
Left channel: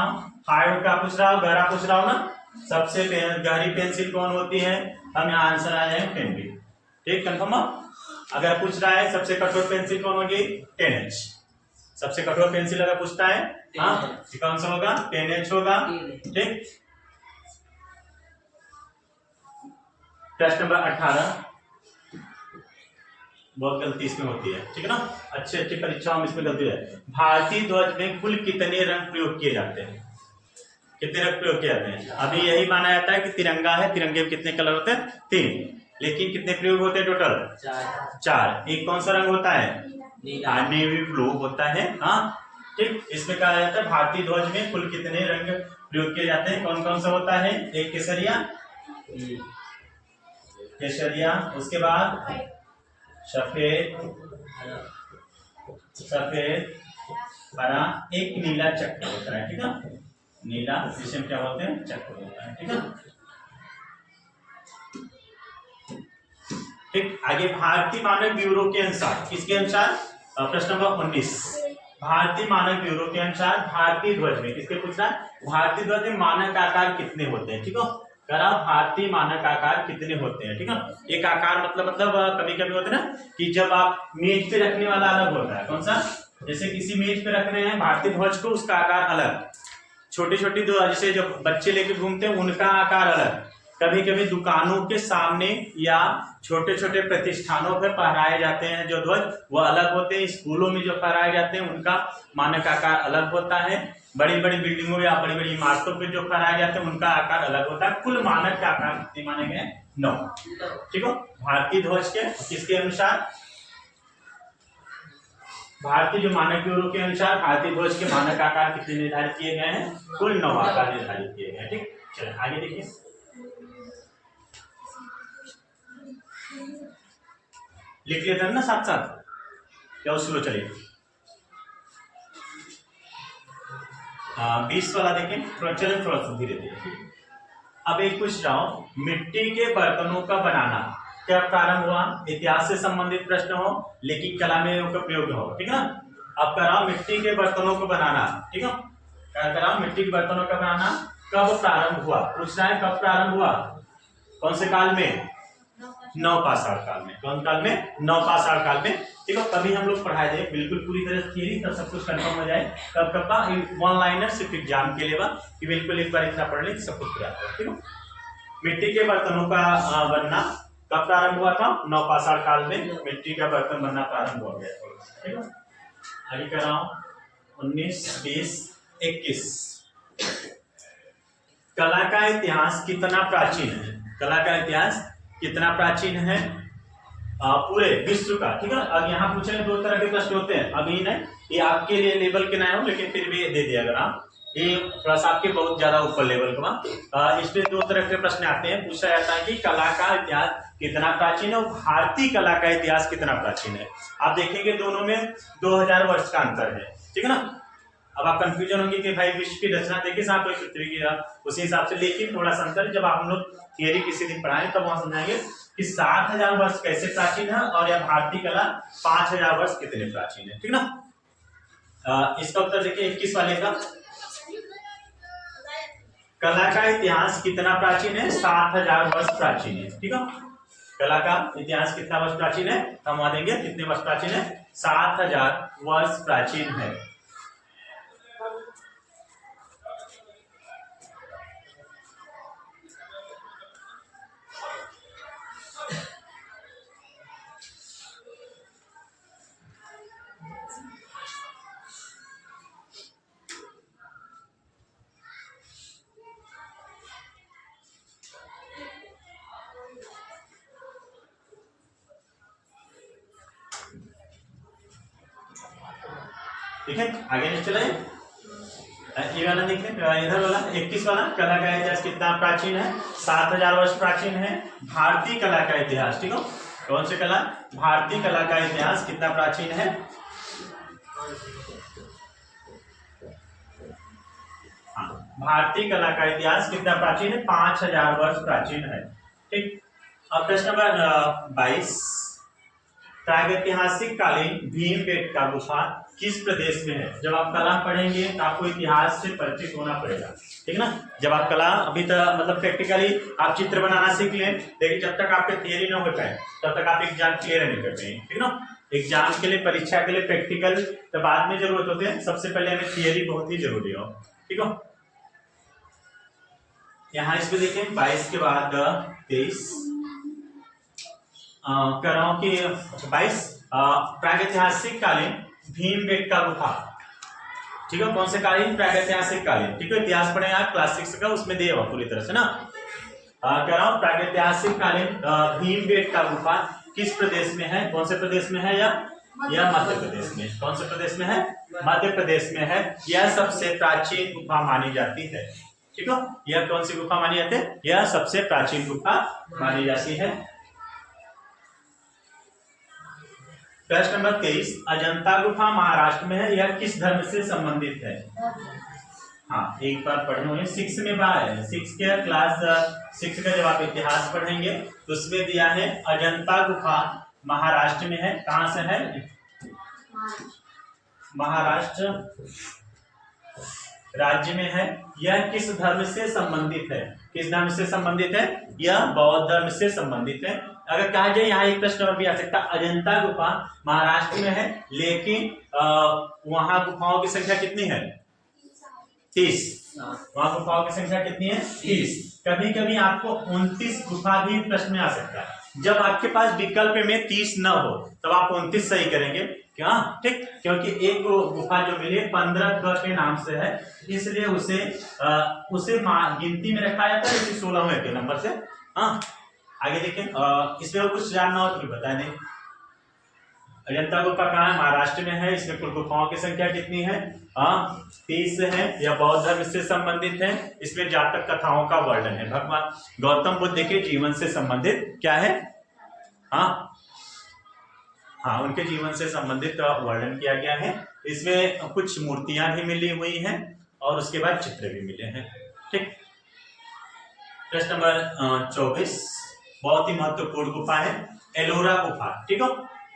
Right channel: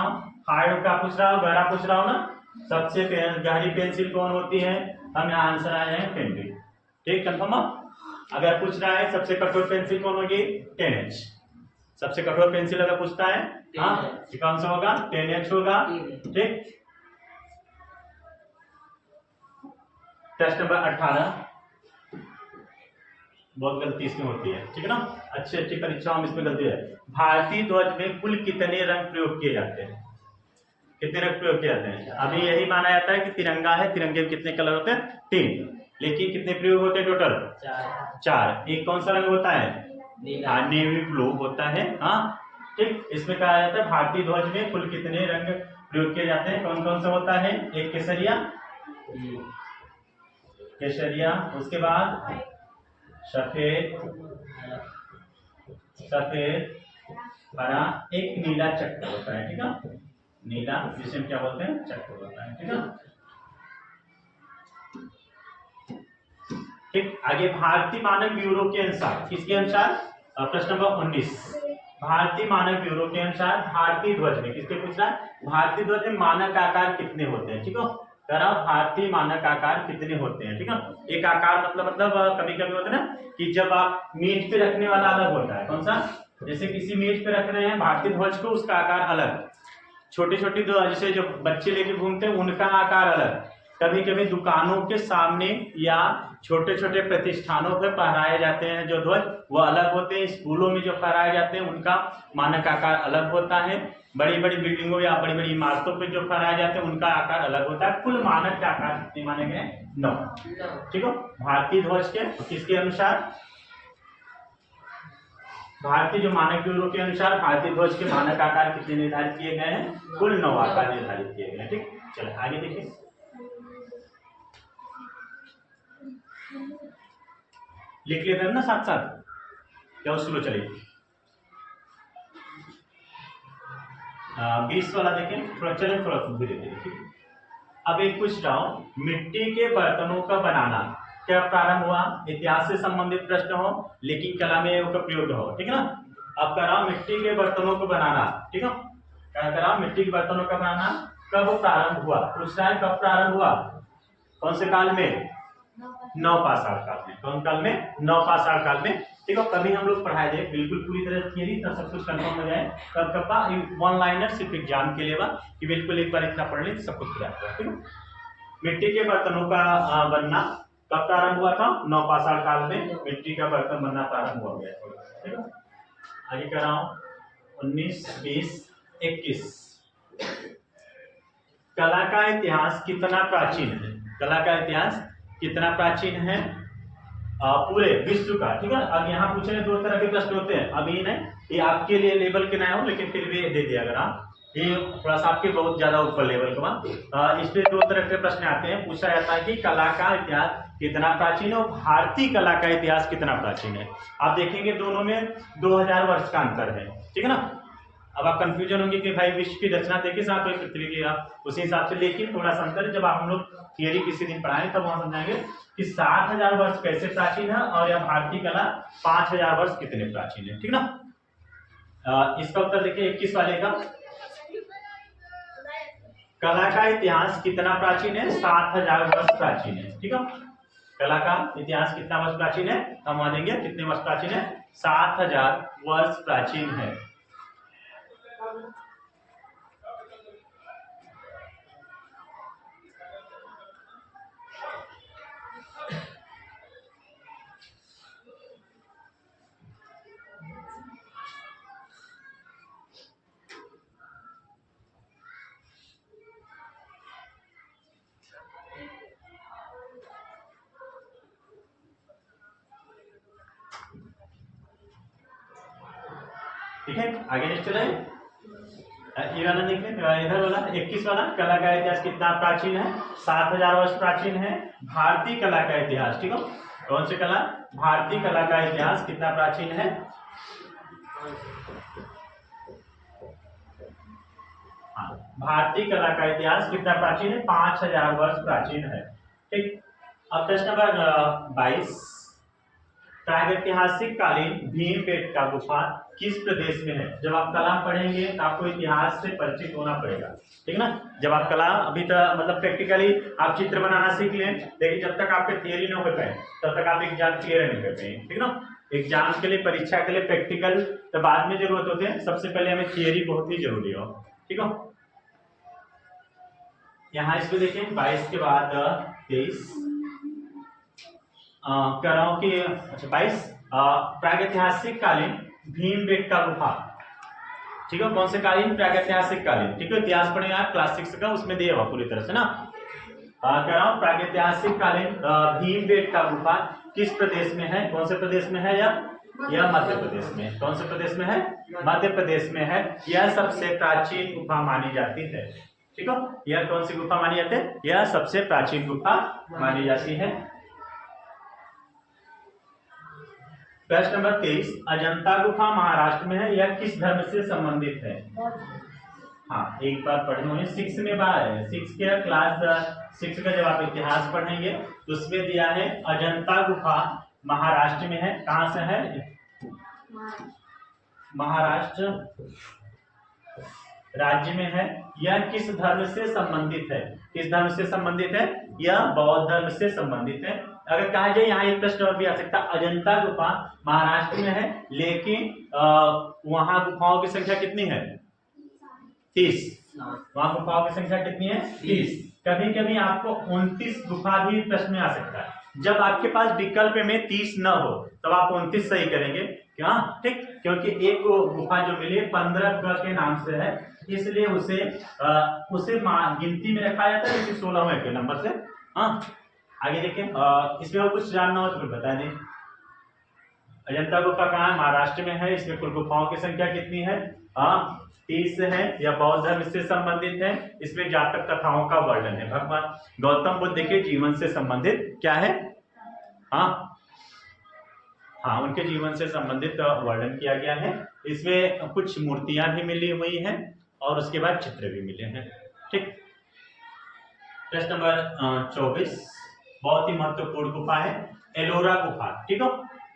हार्ड का पूछ रहा हूँ, गहरा पूछ रहा हूँ ना, सबसे गहरी पेंसिल कौन होती है, हम यहाँ आंसर आए हैं 10B, ठीक, कंफर्म। अगर पूछ रहा है सबसे कठोर पेंसिल कौन होगी, 10H, सबसे कठोर पेंसिल अगर पूछता है हाँ कौन सा होगा, 10H होगा, ठीक। प्रश्न नंबर 18, बहुत गलती इसमें होती है, ठीक है ना, अच्छी परीक्षाओं में इसमें गलती है, भारतीय ध्वज में कुल कितने रंग प्रयोग किए जाते हैं, कितने रंग प्रयोग किए जाते हैं, अभी यही माना जाता है कि तिरंगा है, तिरंगे में कितने कलर होते हैं, 3, लेकिन कितने प्रयोग होते हैं टोटल, 4, एक कौन सा रंग होता है, नेवी ब्लू होता है, हाँ ठीक, इसमें कहा जाता है भारतीय ध्वज में कुल कितने रंग प्रयोग किए जाते हैं, कौन कौन सा होता है, एक केसरिया, उसके बाद सफेद हरा, एक नीला चक्र होता है, ठीक है, नीला जिसे हम क्या बोलते हैं चक्र होता है, ठीक है, ठीक। आगे भारतीय मानक ब्यूरो के अनुसार, किसके अनुसार, प्रश्न नंबर 19, भारतीय मानक ब्यूरो के अनुसार भारतीय ध्वज में, किसके पूछना है, भारतीय ध्वज में मानक आकार कितने होते हैं, ठीक है। करा भारतीय मानक आकार कितने होते हैं, ठीक है। एक आकार मतलब कभी कभी होता है ना कि जब आप मेज पे रखने वाला अलग होता है, कौन सा, जैसे किसी मेज पे रख रहे हैं भारतीय ध्वज को, उसका आकार अलग, छोटी छोटी जैसे जो बच्चे लेके घूमते हैं उनका आकार अलग, कभी कभी दुकानों के सामने या छोटे छोटे प्रतिष्ठानों पर फहराए जाते हैं जो ध्वज वो अलग होते हैं, स्कूलों में जो फहराए जाते हैं उनका मानक आकार अलग होता है, बड़ी बड़ी बिल्डिंगों या बड़ी बड़ी इमारतों पर जो फहराए जाते हैं उनका आकार अलग होता है। कुल मानक के आकार कितने माने गए, 9, ठीक है। भारतीय ध्वज के किसके अनुसार, भारतीय जो मानक ब्यूरो के अनुसार भारतीय ध्वज के मानक आकार कितने निर्धारित किए गए हैं, कुल 9 आकार निर्धारित किए गए हैं, ठीक। चलिए आगे देखिए, लिख लेते हैं ना साथ साथ, क्या स्लो चलिए। 20 वाला देखें, थोड़ा चले थोड़ा सा धीरे धीरे। अब एक पूछ रहा हूं, मिट्टी के बर्तनों का बनाना क्या प्रारंभ हुआ, इतिहास से संबंधित प्रश्न हो लेकिन कला में का प्रयोग हो, ठीक है ना। अब कर रहा हूं मिट्टी के बर्तनों को बनाना, ठीक है, क्या कर रहा हूं मिट्टी के बर्तनों का बनाना कब प्रारंभ हुआ, पूछ रहा है कब प्रारंभ हुआ, कौन से काल में, नवपाषाण काल में, कौन काल में, नवपाषाण काल में, ठीक है। तभी हम लोग पढ़ाए जाए बिल्कुल पूरी तरह से थियरी, तब सब कुछ कंफर्म हो जाए, तब कब का वन लाइनर सिर्फ एग्जाम के लिए कि बिल्कुल एक बार इतना पढ़ ले सब कुछ पूरा, ठीक है। मिट्टी के बर्तनों का बनना कब प्रारंभ हुआ था, नवपाषाण काल में मिट्टी का बर्तन बनना प्रारंभ हो गया, ठीक है। आगे कर रहा हूं 19, 20, 21, कला का इतिहास कितना प्राचीन है, कला का इतिहास कितना प्राचीन है पूरे विश्व का, ठीक है। अब यहाँ पूछ रहे 2 तरह के प्रश्न होते हैं, अभी नहीं ये आपके लिए लेवल के ना हो लेकिन फिर भी दे दिया, अगर आप ये थोड़ा सा आपके बहुत ज्यादा ऊपर लेवल का, इसमें 2 तरह के प्रश्न आते हैं, पूछा जाता है कि कला का इतिहास कितना प्राचीन है और भारतीय कला का इतिहास कितना प्राचीन है। आप देखेंगे दोनों में 2000 वर्ष का अंतर है, ठीक है ना। अब आप कंफ्यूजन होंगे कि भाई विश्व की रचना देखिए साहब पृथ्वी की, आप उसी हिसाब से, लेकिन थोड़ा सा अंतर, जब आप हम लोग थियरी किसी दिन पढ़ाएंगे तब वहां समझाएंगे कि 7000 वर्ष कैसे प्राचीन है और या भारतीय कला 5000 वर्ष कितने प्राचीन है, ठीक ना। इसका उत्तर देखिए 21 वाले का, कला का इतिहास कितना प्राचीन है, 7000 वर्ष प्राचीन है, ठीक है। कला का इतिहास कितना वर्ष प्राचीन है, हम वहां देंगे कितने वर्ष प्राचीन है, 7000 वर्ष प्राचीन है। ठीक है, आगे नहीं चले, ये वाला देख लें, इधर वाला 21 वाला, कला का इतिहास कितना प्राचीन है, 7000 वर्ष प्राचीन है। भारतीय कला का इतिहास, ठीक है, कौन सी कला, भारतीय कला का इतिहास कितना प्राचीन है, भारतीय कला का इतिहास कितना प्राचीन है, 5000 वर्ष प्राचीन है, ठीक। अब प्रश्न नंबर 22, प्रागैतिहासिक कालीन भीमबेटका गुफा किस प्रदेश में है। जब आप कला पढ़ेंगे तो आपको इतिहास से परिचित होना पड़ेगा, ठीक ना। जब आप कला अभी तो मतलब प्रैक्टिकली आप चित्र बनाना सीख लें, लेकिन जब तक आपके थियरी न हो पाए तब तक आप एग्जाम क्लियर नहीं कर पाएंगे, ठीक ना। एग्जाम के लिए, परीक्षा के लिए प्रैक्टिकल तो बाद में जरूरत होते हैं, सबसे पहले हमें थियरी बहुत ही जरूरी हो, ठीक हो। यहाँ इसमें देखें 22 के बाद 23 कह रहा हूं कि अच्छा 22 प्रागैतिहासिक कालीन भीमबेटका गुफा, ठीक है, कौन से कालीन, प्रागैतिहासिक कालीन, ठीक है। इतिहास पढ़ेंगे आप क्लास 6 का, उसमें दिया हुआ पूरी तरह से ना। कह रहा हूं प्रागैतिहासिक कालीन भीमबेटका गुफा किस प्रदेश में है, कौन से प्रदेश में है, या मध्य प्रदेश में, कौन से प्रदेश में है, मध्य प्रदेश में है। यह सबसे प्राचीन गुफा मानी जाती है, ठीक है। यह कौन सी गुफा मानी जाती है, यह सबसे प्राचीन गुफा मानी जाती है। प्रश्न नंबर 23, अजंता गुफा महाराष्ट्र में है, यह किस धर्म से संबंधित है। हाँ, एक बार पढ़े हुए 6 में बार है, 6 के क्लास 6 का जब आप इतिहास पढ़ेंगे तो उसमें दिया है अजंता गुफा महाराष्ट्र में है, कहां से है, महाराष्ट्र राज्य में है। यह किस धर्म से संबंधित है? किस धर्म से संबंधित है? यह बौद्ध धर्म से संबंधित है। अगर कहा जाए, यहाँ एक प्रश्न भी आ सकता, अजंता गुफा महाराष्ट्र में है, लेकिन वहां गुफाओं की संख्या कितनी है? 30। वहां गुफाओं की संख्या कितनी है? 30। कभी कभी आपको 29 गुफा भी प्रश्न में आ सकता है। जब आपके पास विकल्प में 30 न हो तब आप 29 सही करेंगे, क्या? ठीक, क्योंकि एक गुफा जो मिली 15 के नाम से है, इसलिए उसे गिनती में रखा जाता है 16वें के नंबर से। हाँ, आगे देखें। इसमें कुछ जानना हो तो बता दें। अजंता गुफा कहाँ है? महाराष्ट्र में है। इसमें कुल गुफाओं की संख्या कितनी है? 30 है। यह बौद्ध धर्म से संबंधित है। इसमें जातक कथाओं का वर्णन है। भगवान गौतम बुद्ध के जीवन से संबंधित क्या है? हाँ, उनके जीवन से संबंधित वर्णन किया गया है। इसमें कुछ मूर्तियां भी मिली हुई हैं और उसके बाद चित्र भी मिले हैं। ठीक, प्रश्न नंबर 24 बहुत ही महत्वपूर्ण गुफा है, एलोरा गुफा। ठीक है,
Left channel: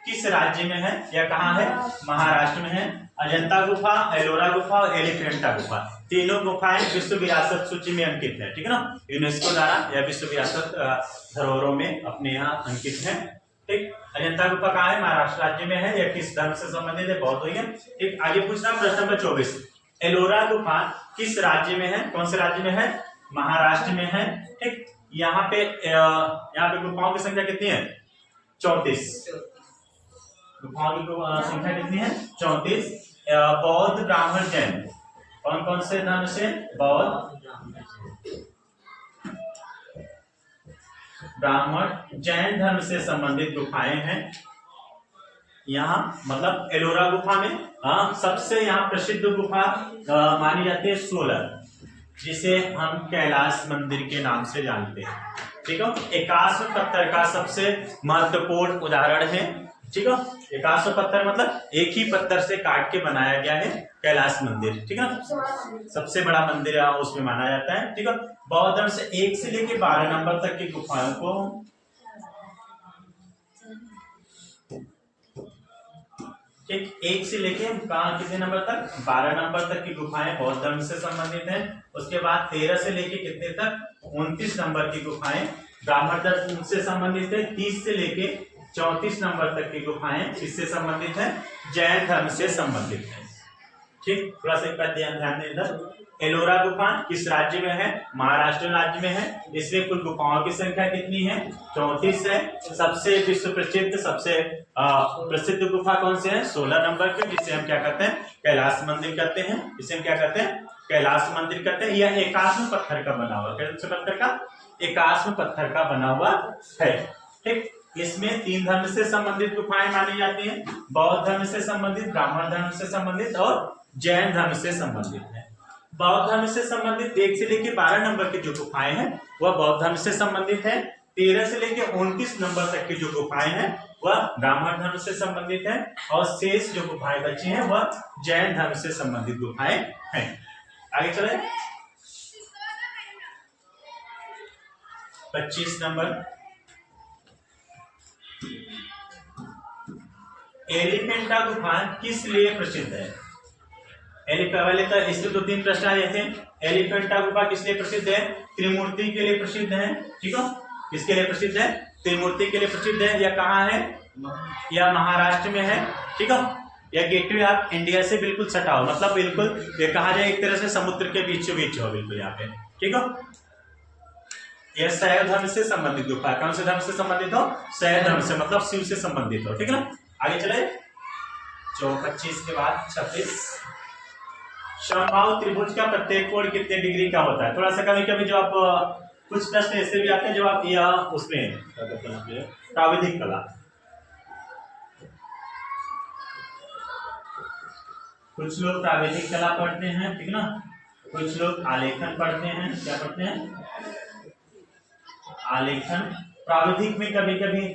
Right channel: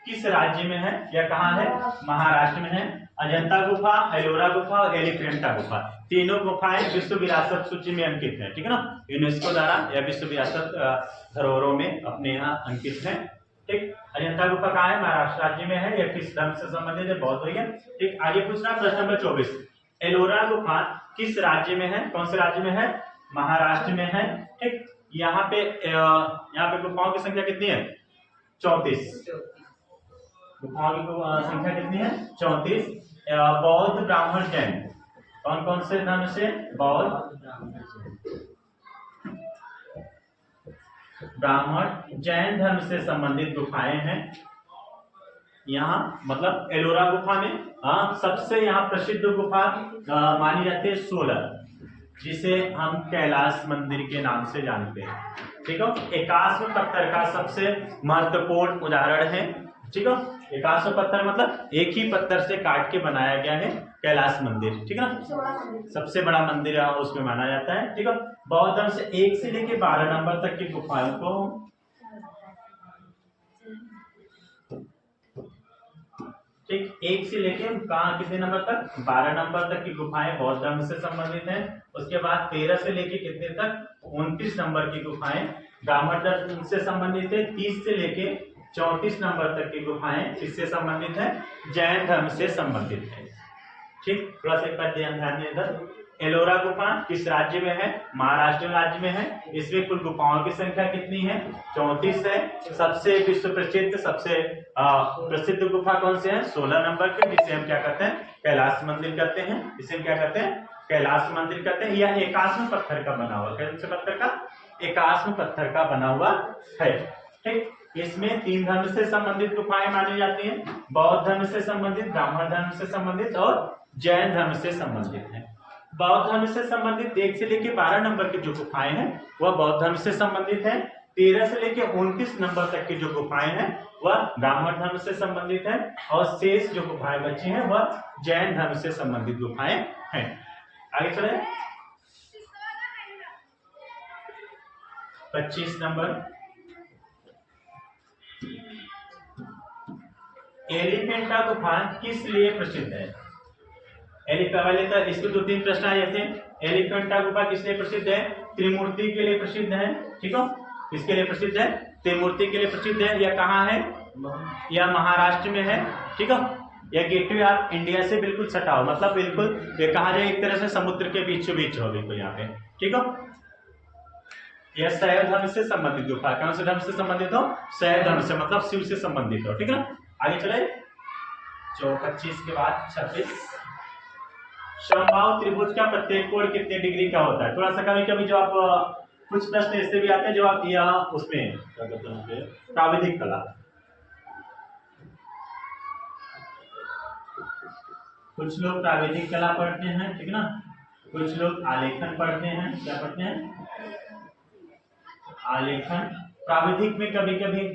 किस राज्य में है या कहाँ है? महाराष्ट्र में है। अजंता गुफा, एलोरा गुफा और एलिफेंटा गुफा, तीनों गुफाएं विश्व विरासत सूची में अंकित है। ठीक है ना, यूनेस्को द्वारा या विश्व विरासत धरोहरों में अपने यहाँ अंकित है। ठीक, अजंता गुफा कहाँ है? महाराष्ट्र राज्य में है। यह किस धर्म से संबंधित है? बौद्ध है। ठीक, आगे पूछना प्रश्न नंबर 24, एलोरा गुफा किस राज्य में है? कौन से राज्य में है? महाराष्ट्र में है। ठीक, यहाँ पे गुफाओं की संख्या कितनी है? 34। गुफाओं की संख्या कितनी है? 34। बौद्ध, ब्राह्मण, जैन, कौन कौन से धर्म से? बौद्ध, ब्राह्मण, जैन धर्म से संबंधित गुफाएं हैं। यहाँ मतलब एलोरा गुफा में सबसे यहाँ प्रसिद्ध गुफा मानी जाती है 16, जिसे हम कैलाश मंदिर के नाम से जानते हैं। ठीक है, 81 पत्थर का सबसे महत्वपूर्ण उदाहरण है। ठीक है, 81 पत्थर मतलब एक ही पत्थर से काट के बनाया गया है कैलाश मंदिर। ठीक है, सबसे बड़ा मंदिर उसमें माना जाता है। ठीक है, बौद्ध धर्म से 1 से लेके 12 नंबर तक की गुफाओं को ठीक 1 से लेके कहाँ कितने नंबर तक? 12 नंबर तक की गुफाएं बौद्ध धर्म से संबंधित हैं। उसके बाद 13 से लेके कितने तक? 29 नंबर की गुफाएं ब्राह्मण धर्म से संबंधित है। 30 से लेके 34 नंबर तक की गुफाएं किससे संबंधित है? जैन धर्म से संबंधित है। ठीक, थोड़ा सा एक बार ध्यान दें इधर। एलोरा गुफा किस राज्य में है? महाराष्ट्र राज्य में है। इसमें कुल गुफाओं की संख्या कितनी है? 34 है। सबसे विश्व प्रसिद्ध, सबसे प्रसिद्ध गुफा कौन से है? 16 नंबर के, जिसे हम क्या कहते हैं? कैलाश मंदिर कहते हैं। इसे हम क्या कहते हैं? कैलाश मंदिर कहते हैं। यह 81 पत्थर का बना हुआ, कौन से पत्थर का? 81 पत्थर का बना हुआ है। ठीक, इसमें 3 धर्म से संबंधित गुफाएं मानी जाती हैं, बौद्ध धर्म से संबंधित, ब्राह्मण धर्म से संबंधित और जैन धर्म से संबंधित है। बौद्ध धर्म से संबंधित 1 से लेके 12 नंबर की जो गुफाएं हैं वह बौद्ध धर्म से संबंधित है। 13 से लेके 29 नंबर तक की जो गुफाएं हैं वह ब्राह्मण धर्म से संबंधित है और शेष जो गुफाएं बची हैं वह जैन धर्म से संबंधित गुफाएं हैं। आगे चले 25 नंबर, एलिफेंटा गुफा किस लिए प्रसिद्ध है? पहले तो इसके 2-3 प्रश्न आए थे। एलिफेंटा गुफा किस लिए प्रसिद्ध है? त्रिमूर्ति के लिए प्रसिद्ध है। ठीक है, किसके लिए प्रसिद्ध है? त्रिमूर्ति के लिए प्रसिद्ध है। यह कहाँ है? यह महाराष्ट्र में है। ठीक है, यह गेटवे ऑफ इंडिया से बिल्कुल सटा हो, मतलब बिल्कुल ये कहा जाए एक तरह से समुद्र के बीचों बीच हो, बिल्कुल यहाँ पे। ठीक है, यह शैव धर्म से संबंधित गुफा है। कौन से धर्म से संबंधित हो? शैव धर्म से, मतलब शिव से संबंधित हो। ठीक है ना, आगे चले 25 के बाद 26, समबाहु त्रिभुज का प्रत्येक कोण कितने डिग्री का होता है? थोड़ा सा कभी कभी जो आप कुछ प्रश्न ऐसे भी आते हैं जो आप यह उसमें प्राविधिक कला, कुछ लोग प्राविधिक कला पढ़ते हैं, ठीक ना, कुछ लोग आलेखन पढ़ते हैं। क्या पढ़ते हैं? आलेखन। प्राविधिक में कभी कभी